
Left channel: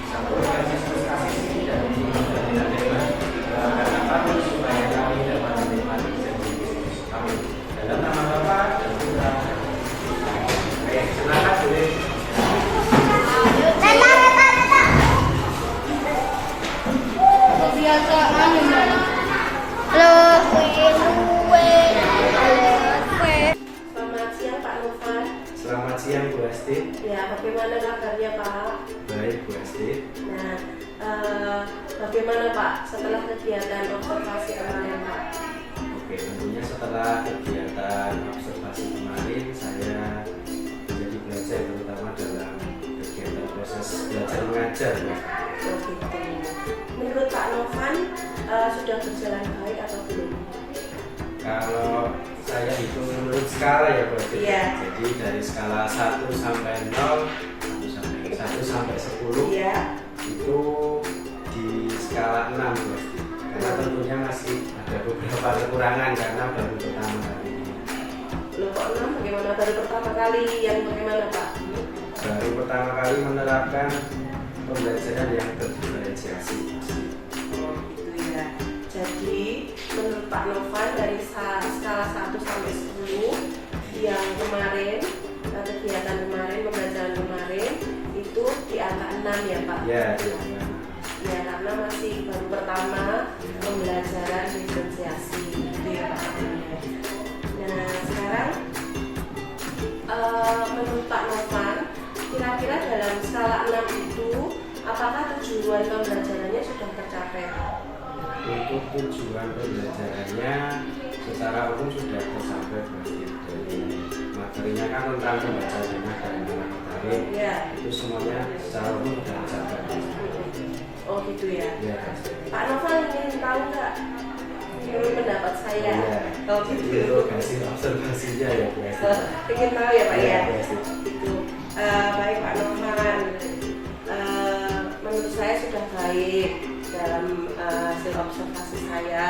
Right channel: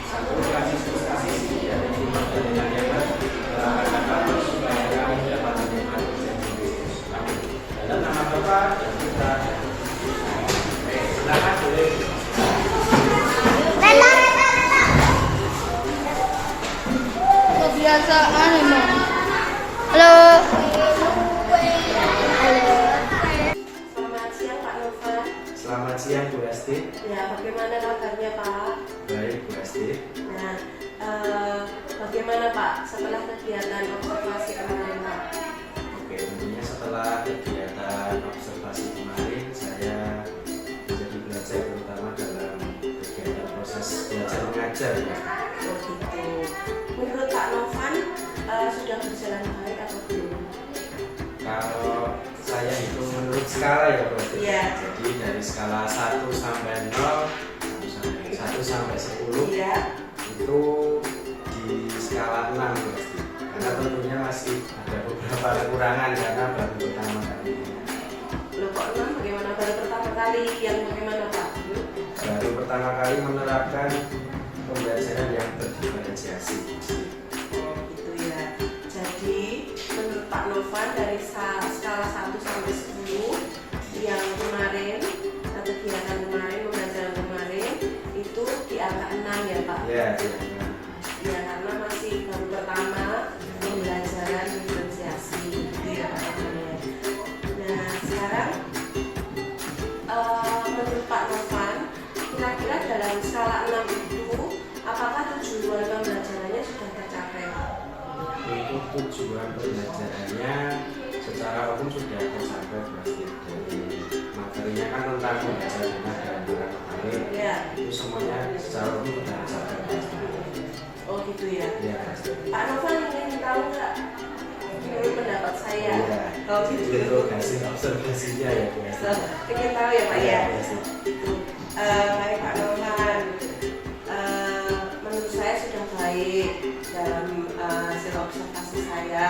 Satu Yesus kasih dan cinta dan hebat doakan kami supaya kami dapat menikmati janji Kristus. Amin. Dalam nama Bapa dan Putra dan Roh Kudus. Oke, silakan boleh. Halo. Selamat siang Pak Novan. Selamat siang Bu Asti. Ya, bagaimana kabarnya Pak? Baik Bu Asti. Nah, bagaimana Pak setelah kegiatan observasi kemarin Pak? Oke, tentunya setelah kegiatan observasi kemarin saya menjadi belajar terutama dalam kegiatan proses belajar mengajar ya. Oh gitu. Menurut Pak Novan sudah berjalan baik atau belum? Kalau saya hitung menurut skala ya berarti. Iya. Jadi dari skala 1 sampai 0 1 sampai 10 Iya. itu di skala 6 berarti. Karena tentunya masih ada beberapa kekurangan karena baru pertama kali ini. Loh kok 6? Bagaimana baru pertama kali? Yang bagaimana Pak? Baru pertama kali menerapkan pembelajaran yang berdiferensiasi. Oh gitu ya. Jadi menurut Pak Novan dari skala 1 sampai 10 yang kemarin kegiatan kemarin pembelajaran kemarin itu di angka 6 ya Pak? Ya. Ya karena masih baru pertama pembelajaran diferensiasi gitu ya Pak. Nah sekarang menurut Pak Novan kira-kira dalam skala 6 itu apakah tujuan pembelajarannya sudah tercapai Pak? Untuk tujuan pembelajarannya secara umum sudah tercapai berarti dari materinya kan tentang membaca jurnal dan materi Ya. itu semuanya secara umum sudah tercapai. Oh gitu ya. Ya. Pak Novan ingin tahu nggak menurut pendapat saya? Ya. Oh gitu. Itu hasil observasinya ya Bu Esti. Ingin tahu ya Pak ya? Ya, Bu Esti. Itu baik Pak Novan. Menurut saya sudah baik dalam hasil observasi saya.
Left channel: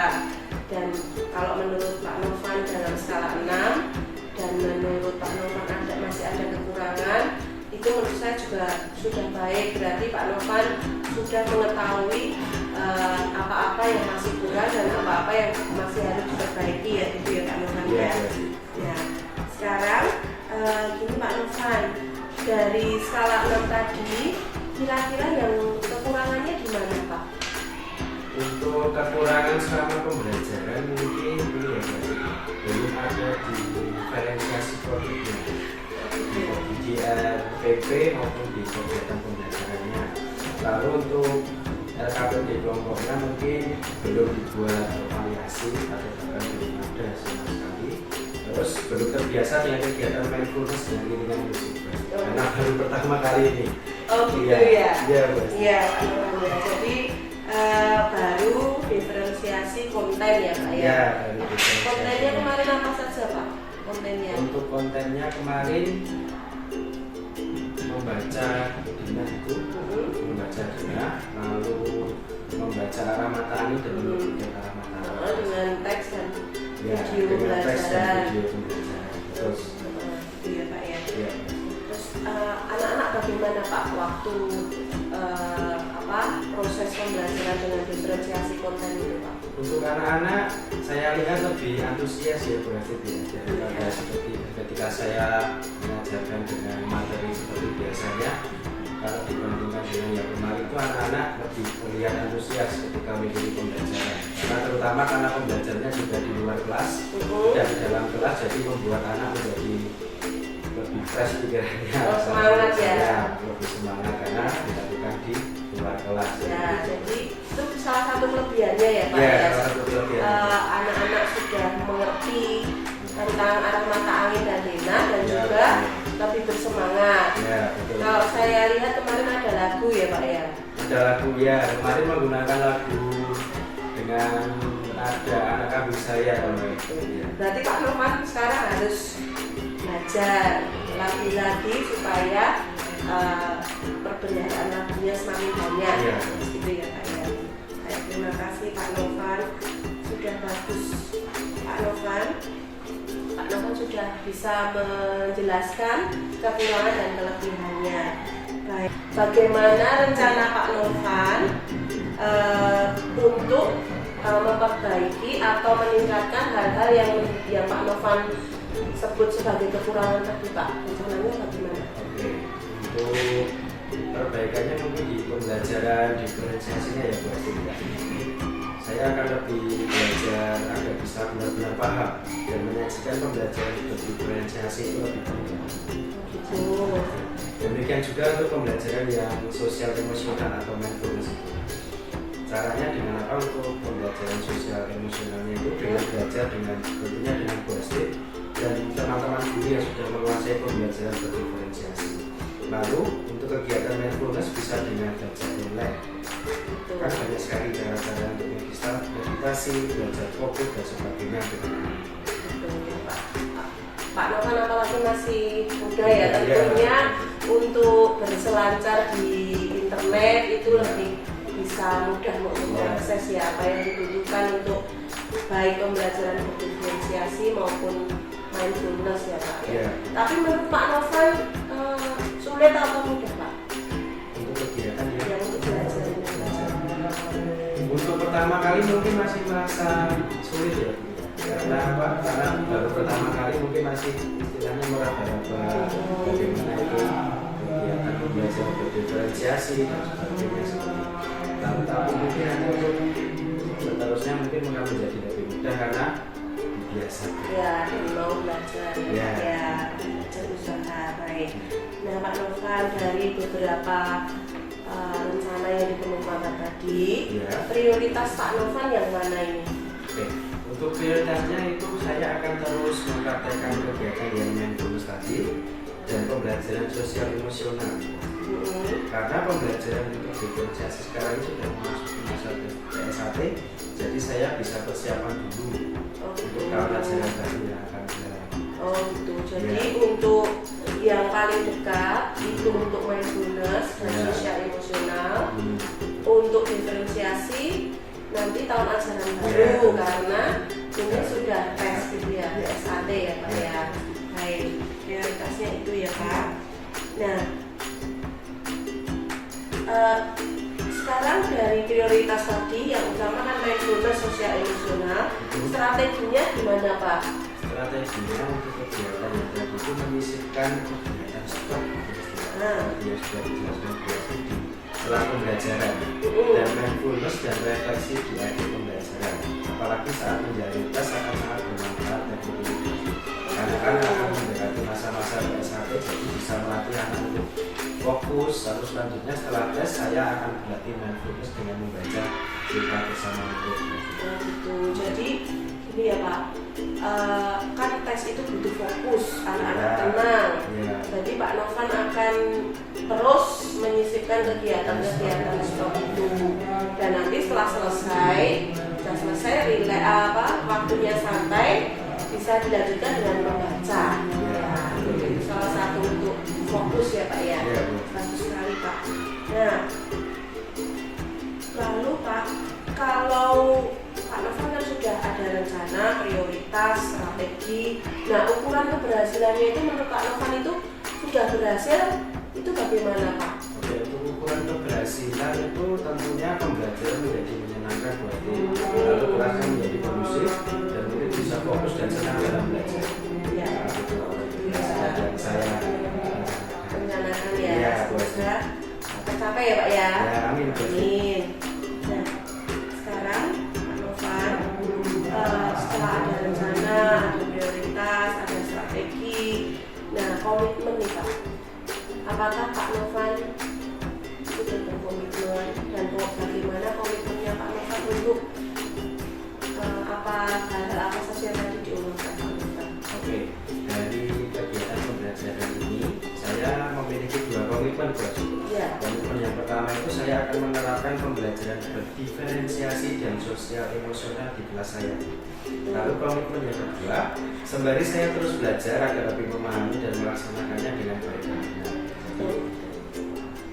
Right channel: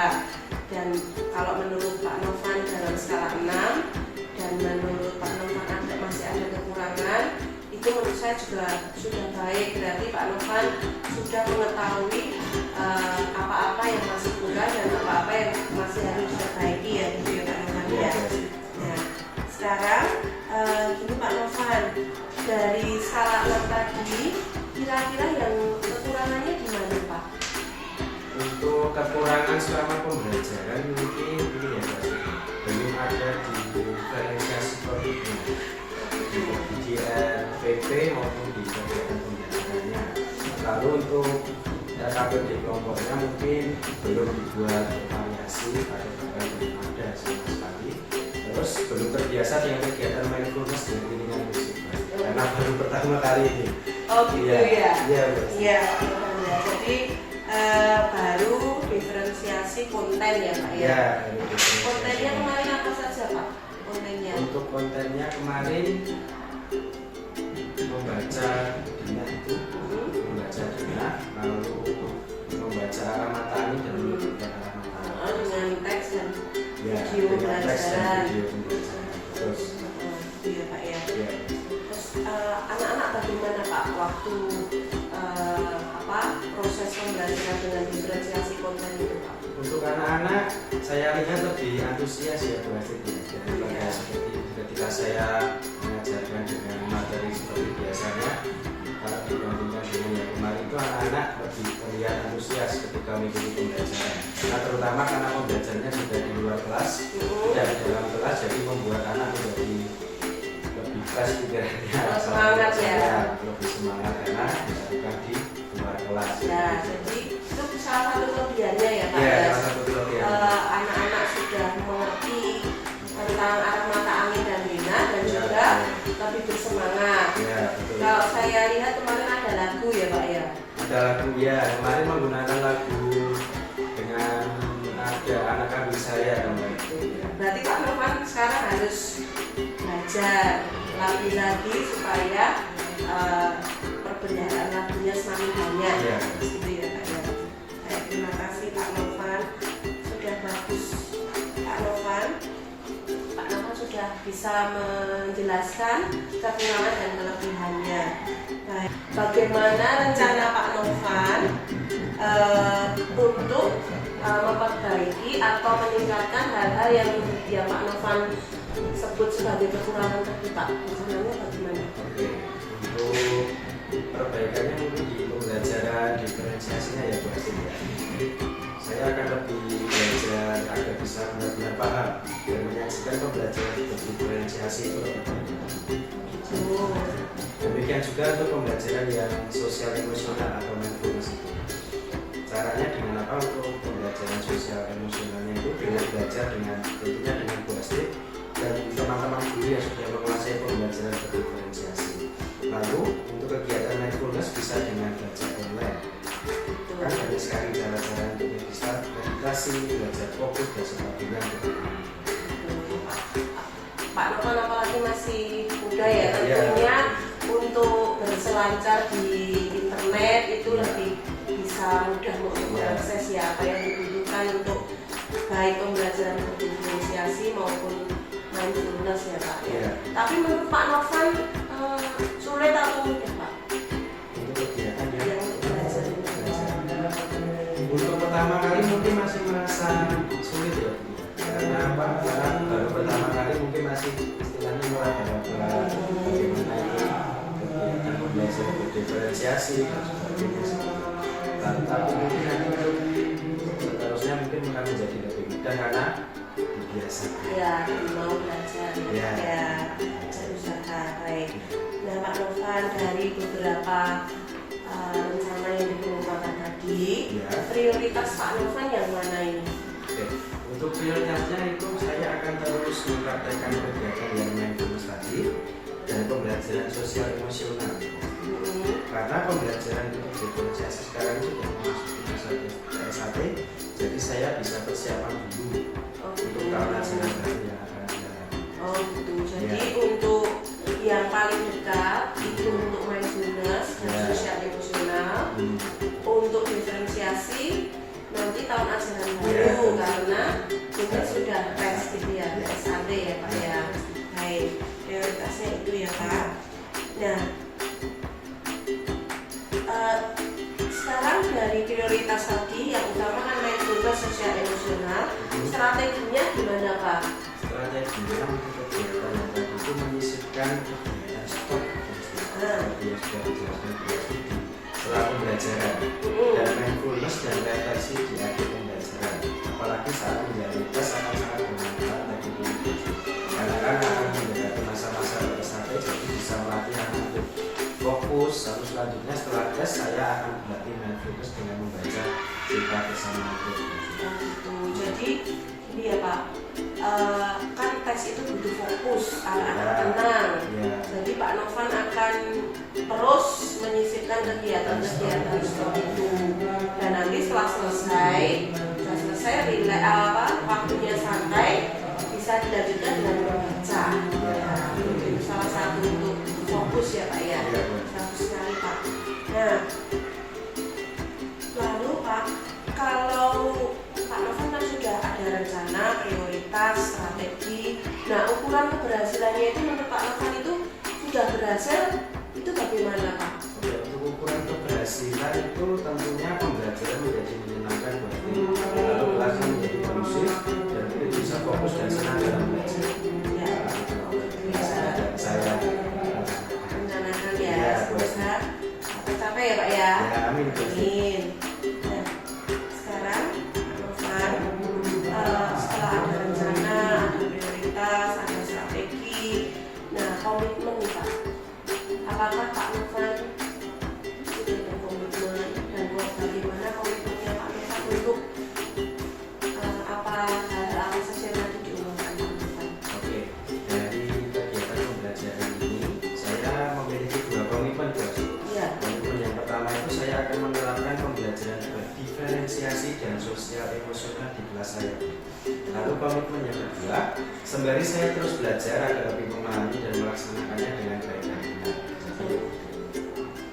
Dan kalau menurut Pak Novan dalam skala 6 dan menurut Pak Novan masih ada kekurangan, itu menurut saya juga sudah baik. Berarti Pak Novan sudah mengetahui apa-apa yang masih kurang dan apa-apa yang masih harus diperbaiki ya, itu ya Pak Novan Ya, ya. Bu Esti. Nah, sekarang gini Pak Novan, dari skala 6 tadi kira-kira yang kekurangannya di mana Pak? Untuk kekurangan selama pembelajaran mungkin ini ya Bu Esti. Belum ada di diferensiasi produknya di RPP maupun di kegiatan pembelajarannya. Lalu untuk KPD kelompoknya mungkin belum dibuat variasi atau bahkan belum ada sama sekali. Terus belum terbiasa dengan kegiatan mindfulness dan lingkungan musik karena baru pertama kali ini. Oh gitu Iya, ya? iya, Bu Esti. Iya Pak Novan ya. Jadi baru diferensiasi konten ya Pak ya? Ya, baru diferensiasi. Kontennya kemarin apa saja Pak? Kontennya? Untuk kontennya kemarin membaca denah itu, membaca denah, lalu membaca arah matani dan menunjukkan arah matani. Dengan teks dan Ya, video dengan teks dan pembelajaran. video pembelajaran. Terus, Iya Pak ya. ya, Terus anak-anak bagaimana Pak waktu proses pembelajaran dengan diferensiasi konten itu Pak? Untuk anak-anak saya lihat lebih antusias ya Bu Hafid ya, daripada seperti ketika saya mengajarkan dengan materi seperti biasanya. Kalau dibandingkan dengan yang kemarin itu anak-anak lebih terlihat antusias ketika mengikuti pembelajaran. Karena terutama karena pembelajarannya juga di luar kelas dan di dalam kelas, jadi membuat anak menjadi lebih fresh pikirannya. Semangat ya. Lebih semangat karena dilakukan di luar kelas. Ya, jadi itu salah satu kelebihannya ya Pak. Ya, Ya. salah satu kelebihan. Anak-anak sudah mengerti tentang arah mata angin dan Lina dan Ya, juga lebih bersemangat. Ya, betul. Kalau saya lihat kemarin ada lagu ya Pak ya. Ada lagu ya, kemarin menggunakan lagu dengan ada anak kambing saya kalau itu. Ya. Berarti Pak Novan sekarang harus belajar lagi-lagi supaya perbendaharaan lagunya semakin banyak. Iya. Gitu ya Pak ya. Terima kasih Pak Novan, sudah bagus Pak Novan. Pak Novan sudah bisa menjelaskan kekurangan dan kelebihannya. Baik. Bagaimana rencana Pak Novan untuk memperbaiki atau meningkatkan hal-hal yang Pak Novan sebut sebagai kekurangan tadi Pak? Rencananya bagaimana? Oke, untuk perbaikannya mungkin di pembelajaran diferensiasinya ya Bu Hafid ya. Saya akan lebih belajar agar bisa benar-benar paham dan menyaksikan pembelajaran diferensiasi itu lebih banyak. Gitu. Demikian juga untuk pembelajaran yang sosial emosional atau mindfulness itu. Caranya dengan apa untuk pembelajaran sosial emosionalnya itu dengan belajar dengan tentunya dengan Bu Hafid dan teman-teman guru yang sudah menguasai pembelajaran berdiferensiasi. Lalu untuk kegiatan mindfulness bisa dengan belajar online. Kan banyak sekali cara-cara untuk bisa meditasi, belajar fokus dan sebagainya. Pak Novan apalagi masih muda ya, tentunya untuk berselancar di internet itu lebih bisa mudah untuk mengakses ya apa yang dibutuhkan untuk baik pembelajaran berdiferensiasi maupun mindfulness ya Pak ya. Tapi menurut Pak Novan sulit atau mudah Pak? Untuk kegiatan Yang untuk belajar ini. Untuk pertama kali mungkin masih merasa sulit ya. Karena apa? Karena baru pertama kali mungkin masih istilahnya meraba-raba bagaimana itu kegiatan pembelajaran berdiferensiasi dan sebagainya seperti itu. Tapi mungkin nanti untuk seterusnya mungkin akan menjadi lebih mudah karena dibiasakan. Ya, mau belajar Ya. ya berusaha baik. Nah Pak Novan, dari beberapa rencana yang dikemukakan tadi, Ya. prioritas Pak Novan yang mana ini? Oke, untuk prioritasnya itu saya akan terus mempraktekkan kegiatan yang mindfulness tadi dan pembelajaran sosial emosional. Karena pembelajaran untuk diferensiasi sekarang ini sudah memasuki masa PSAT, jadi saya bisa persiapan dulu untuk tahun ajaran baru yang akan jalan. Oh gitu. Jadi untuk yang paling dekat itu untuk mindfulness dan Ya. sosial emosional. Untuk diferensiasi nanti tahun ajaran baru karena ini sudah tes gitu ya, PSAT ya Pak ya. Baik, prioritasnya itu ya Pak. Nah, sekarang dari prioritas tadi yang utama kan mindfulness sosial emosional, strateginya gimana Pak? Strateginya untuk kegiatan yang tadi itu menyisipkan kegiatan stop yang sudah dijelaskan setelah pembelajaran dan mindfulness dan refleksi di akhir pembelajaran. Apalagi saat menjalani tes akan sangat bermanfaat bagi guru. Karena akan mendekati masa-masa PSAT, jadi bisa melatih anak untuk fokus. Lalu selanjutnya setelah tes saya akan melatih mindfulness dengan membaca cerita bersama untuk Gitu. Jadi ini ya Pak, kan tes itu butuh fokus, anak-anak tenang. Jadi Pak Novan akan terus menyisipkan kegiatan-kegiatan seperti itu. Dan nanti setelah selesai, waktunya santai, bisa dilanjutkan dengan membaca. Ya, itu salah satu untuk fokus ya Pak ya. Bagus sekali Pak. Nah, lalu Pak, kalau Pak Novan kan sudah ada rencana, prioritas, strategi. Nah, ukuran keberhasilannya itu menurut Pak Novan itu sudah berhasil, itu bagaimana Pak? Oke, untuk ukuran keberhasilan itu tentunya amin. Amin. Nah, sekarang Pak Novan, setelah ada rencana, ada prioritas, ada strategi, nah komitmen nih Pak. Apakah Pak Novan sudah berkomitmen dan bagaimana komitmennya Pak Novan untuk hal-hal apa saja yang tadi diumumkan Pak Novan? Oke, dari kegiatan pembelajaran ini saya memiliki 2 komitmen, Bos. Iya. Komitmen yang pertama itu saya akan menerapkan pembelajaran berdiferensiasi dan sosial emosional di kelas saya. Lalu komitmen yang kedua, sembari saya terus belajar agar lebih memahami dan melaksanakannya dengan baik dan benar. Jadi,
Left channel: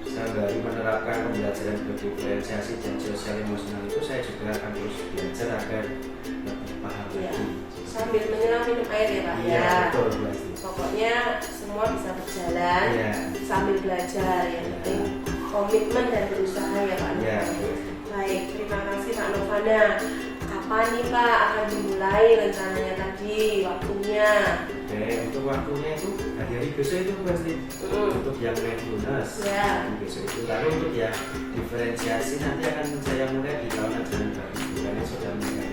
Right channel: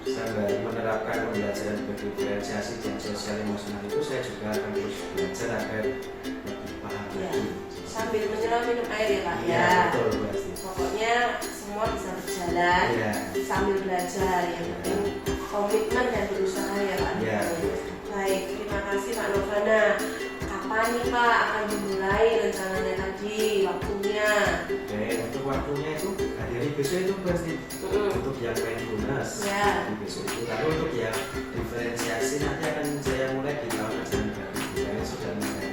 sembari menerapkan pembelajaran berdiferensiasi dan sosial emosional itu saya juga akan terus belajar agar lebih paham Iya. lagi. Sambil menyelam minum air ya Pak. Iya, betul, Bos. Pokoknya semua bisa berjalan Iya. sambil belajar, yang penting komitmen dan berusaha ya Pak. Iya. Baik, terima kasih Pak Novana. Kapan nih Pak akan dimulai rencananya tadi, waktunya? Oke, itu waktunya itu hari besok itu pasti untuk yang mindfulness Ya. hari besok itu. Lalu untuk yang diferensiasi nanti akan saya mulai di tahun ajaran baru. Karena sudah mulai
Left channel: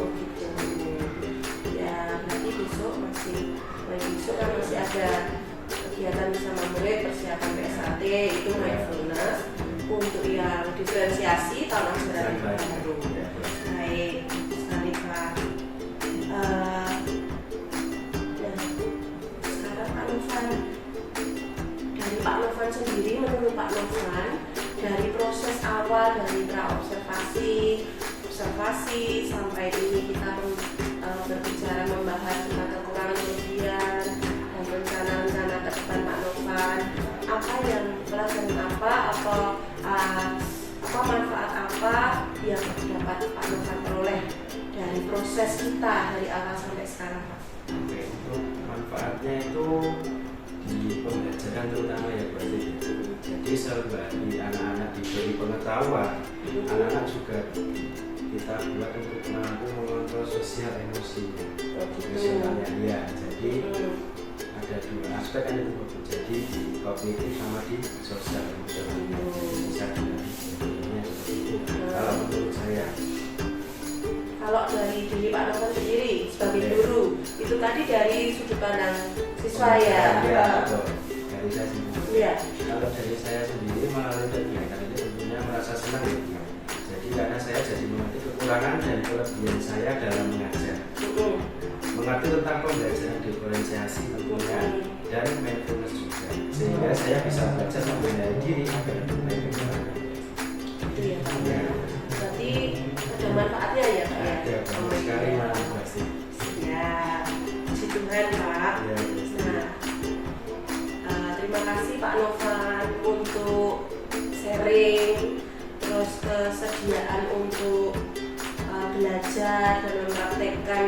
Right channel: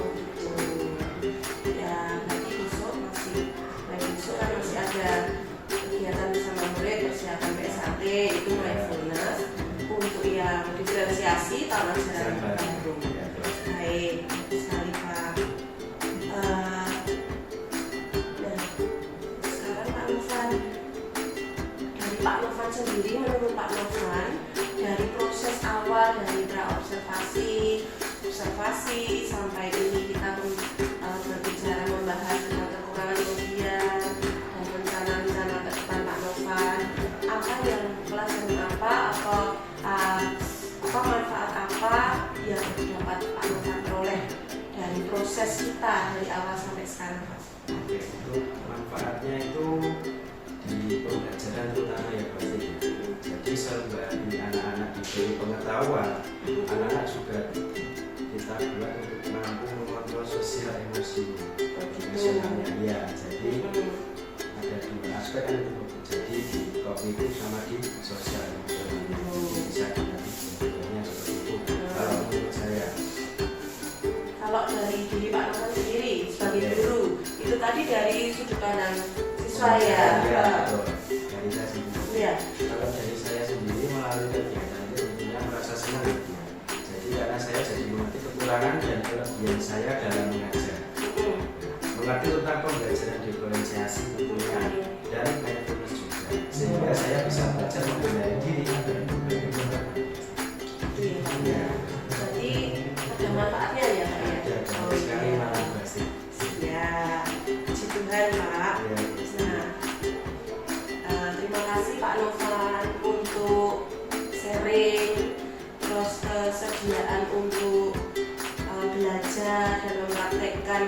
Oh gitu. Ya, nanti besok kan masih ada kegiatan bersama murid, persiapan PSAT, itu mindfulness. Untuk yang diferensiasi tahun ajaran baru. Ya, Baik, sekali Pak. Nah, sekarang Pak Novan, dari Pak Novan sendiri, menurut Pak Novan, dari proses awal dari observasi sampai ini kita berbicara membahas tentang kekurangan ujian dan rencana-rencana ke depan Pak Novan, apa yang pelajaran apa manfaat apa yang dapat Pak Novan peroleh dari proses kita dari awal sampai sekarang Pak? Oke, untuk manfaatnya itu di pembelajaran terutama ya berarti. Jadi sembari anak-anak diberi pengetahuan, anak-anak juga kita buat untuk mampu mengontrol sosial emosinya. Emosionalnya ya, jadi ada 2 aspek yang itu jadi di kognitif sama di sosial emosional. Bisa dibagi sebetulnya seperti itu. Kalau menurut saya. Kalau dari diri Pak Novan sendiri sebagai guru, itu tadi dari sudut pandang siswa ya. Ya, betul. Dari saya sendiri. Iya. Kalau dari saya sendiri melalui kegiatan itu tentunya merasa senang ya. Jadi karena saya jadi mengerti kekurangan dan kelebihan saya dalam mengajar. Mengerti tentang pembelajaran diferensiasi tentunya dan mindfulness juga. Sehingga saya bisa belajar mengenai diri dan Itu ya Pak. Berarti ada manfaatnya ya Pak ya? ada banyak sekali iya. manfaat. Ya, puji Tuhan Pak. Ya, Nah, terima kasih Pak Novan untuk sharing, terus kesediaan untuk belajar dan mempraktekkan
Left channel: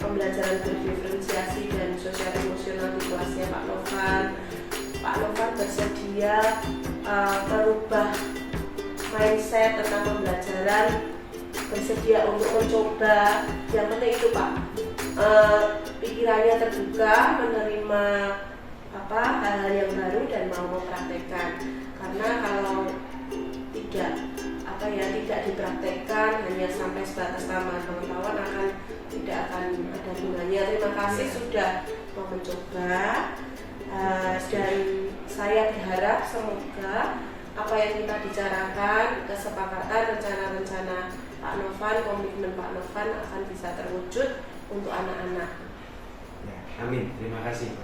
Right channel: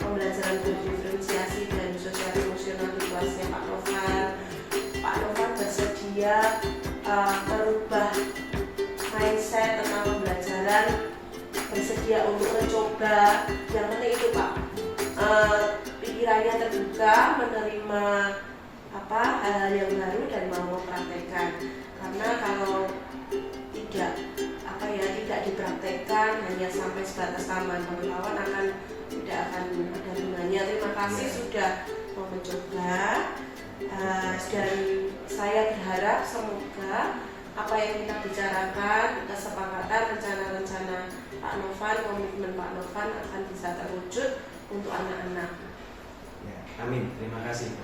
pembelajaran berdiferensiasi dan sosial emosional di kelasnya Pak Novan. Pak Novan bersedia merubah mindset tentang pembelajaran, bersedia untuk mencoba. Yang penting itu Pak, pikirannya terbuka, menerima hal-hal yang baru dan mau mempraktekkan. Karena kalau tidak dipraktekkan hanya sampai sebatas tambahan pengetahuan tidak akan ada gunanya. Terima kasih sudah mau mencoba, dan saya berharap semoga apa yang kita bicarakan, kesepakatan, rencana-rencana Pak Novan, komitmen Pak Novan akan bisa terwujud untuk anak-anak. ya, amin. Terima kasih.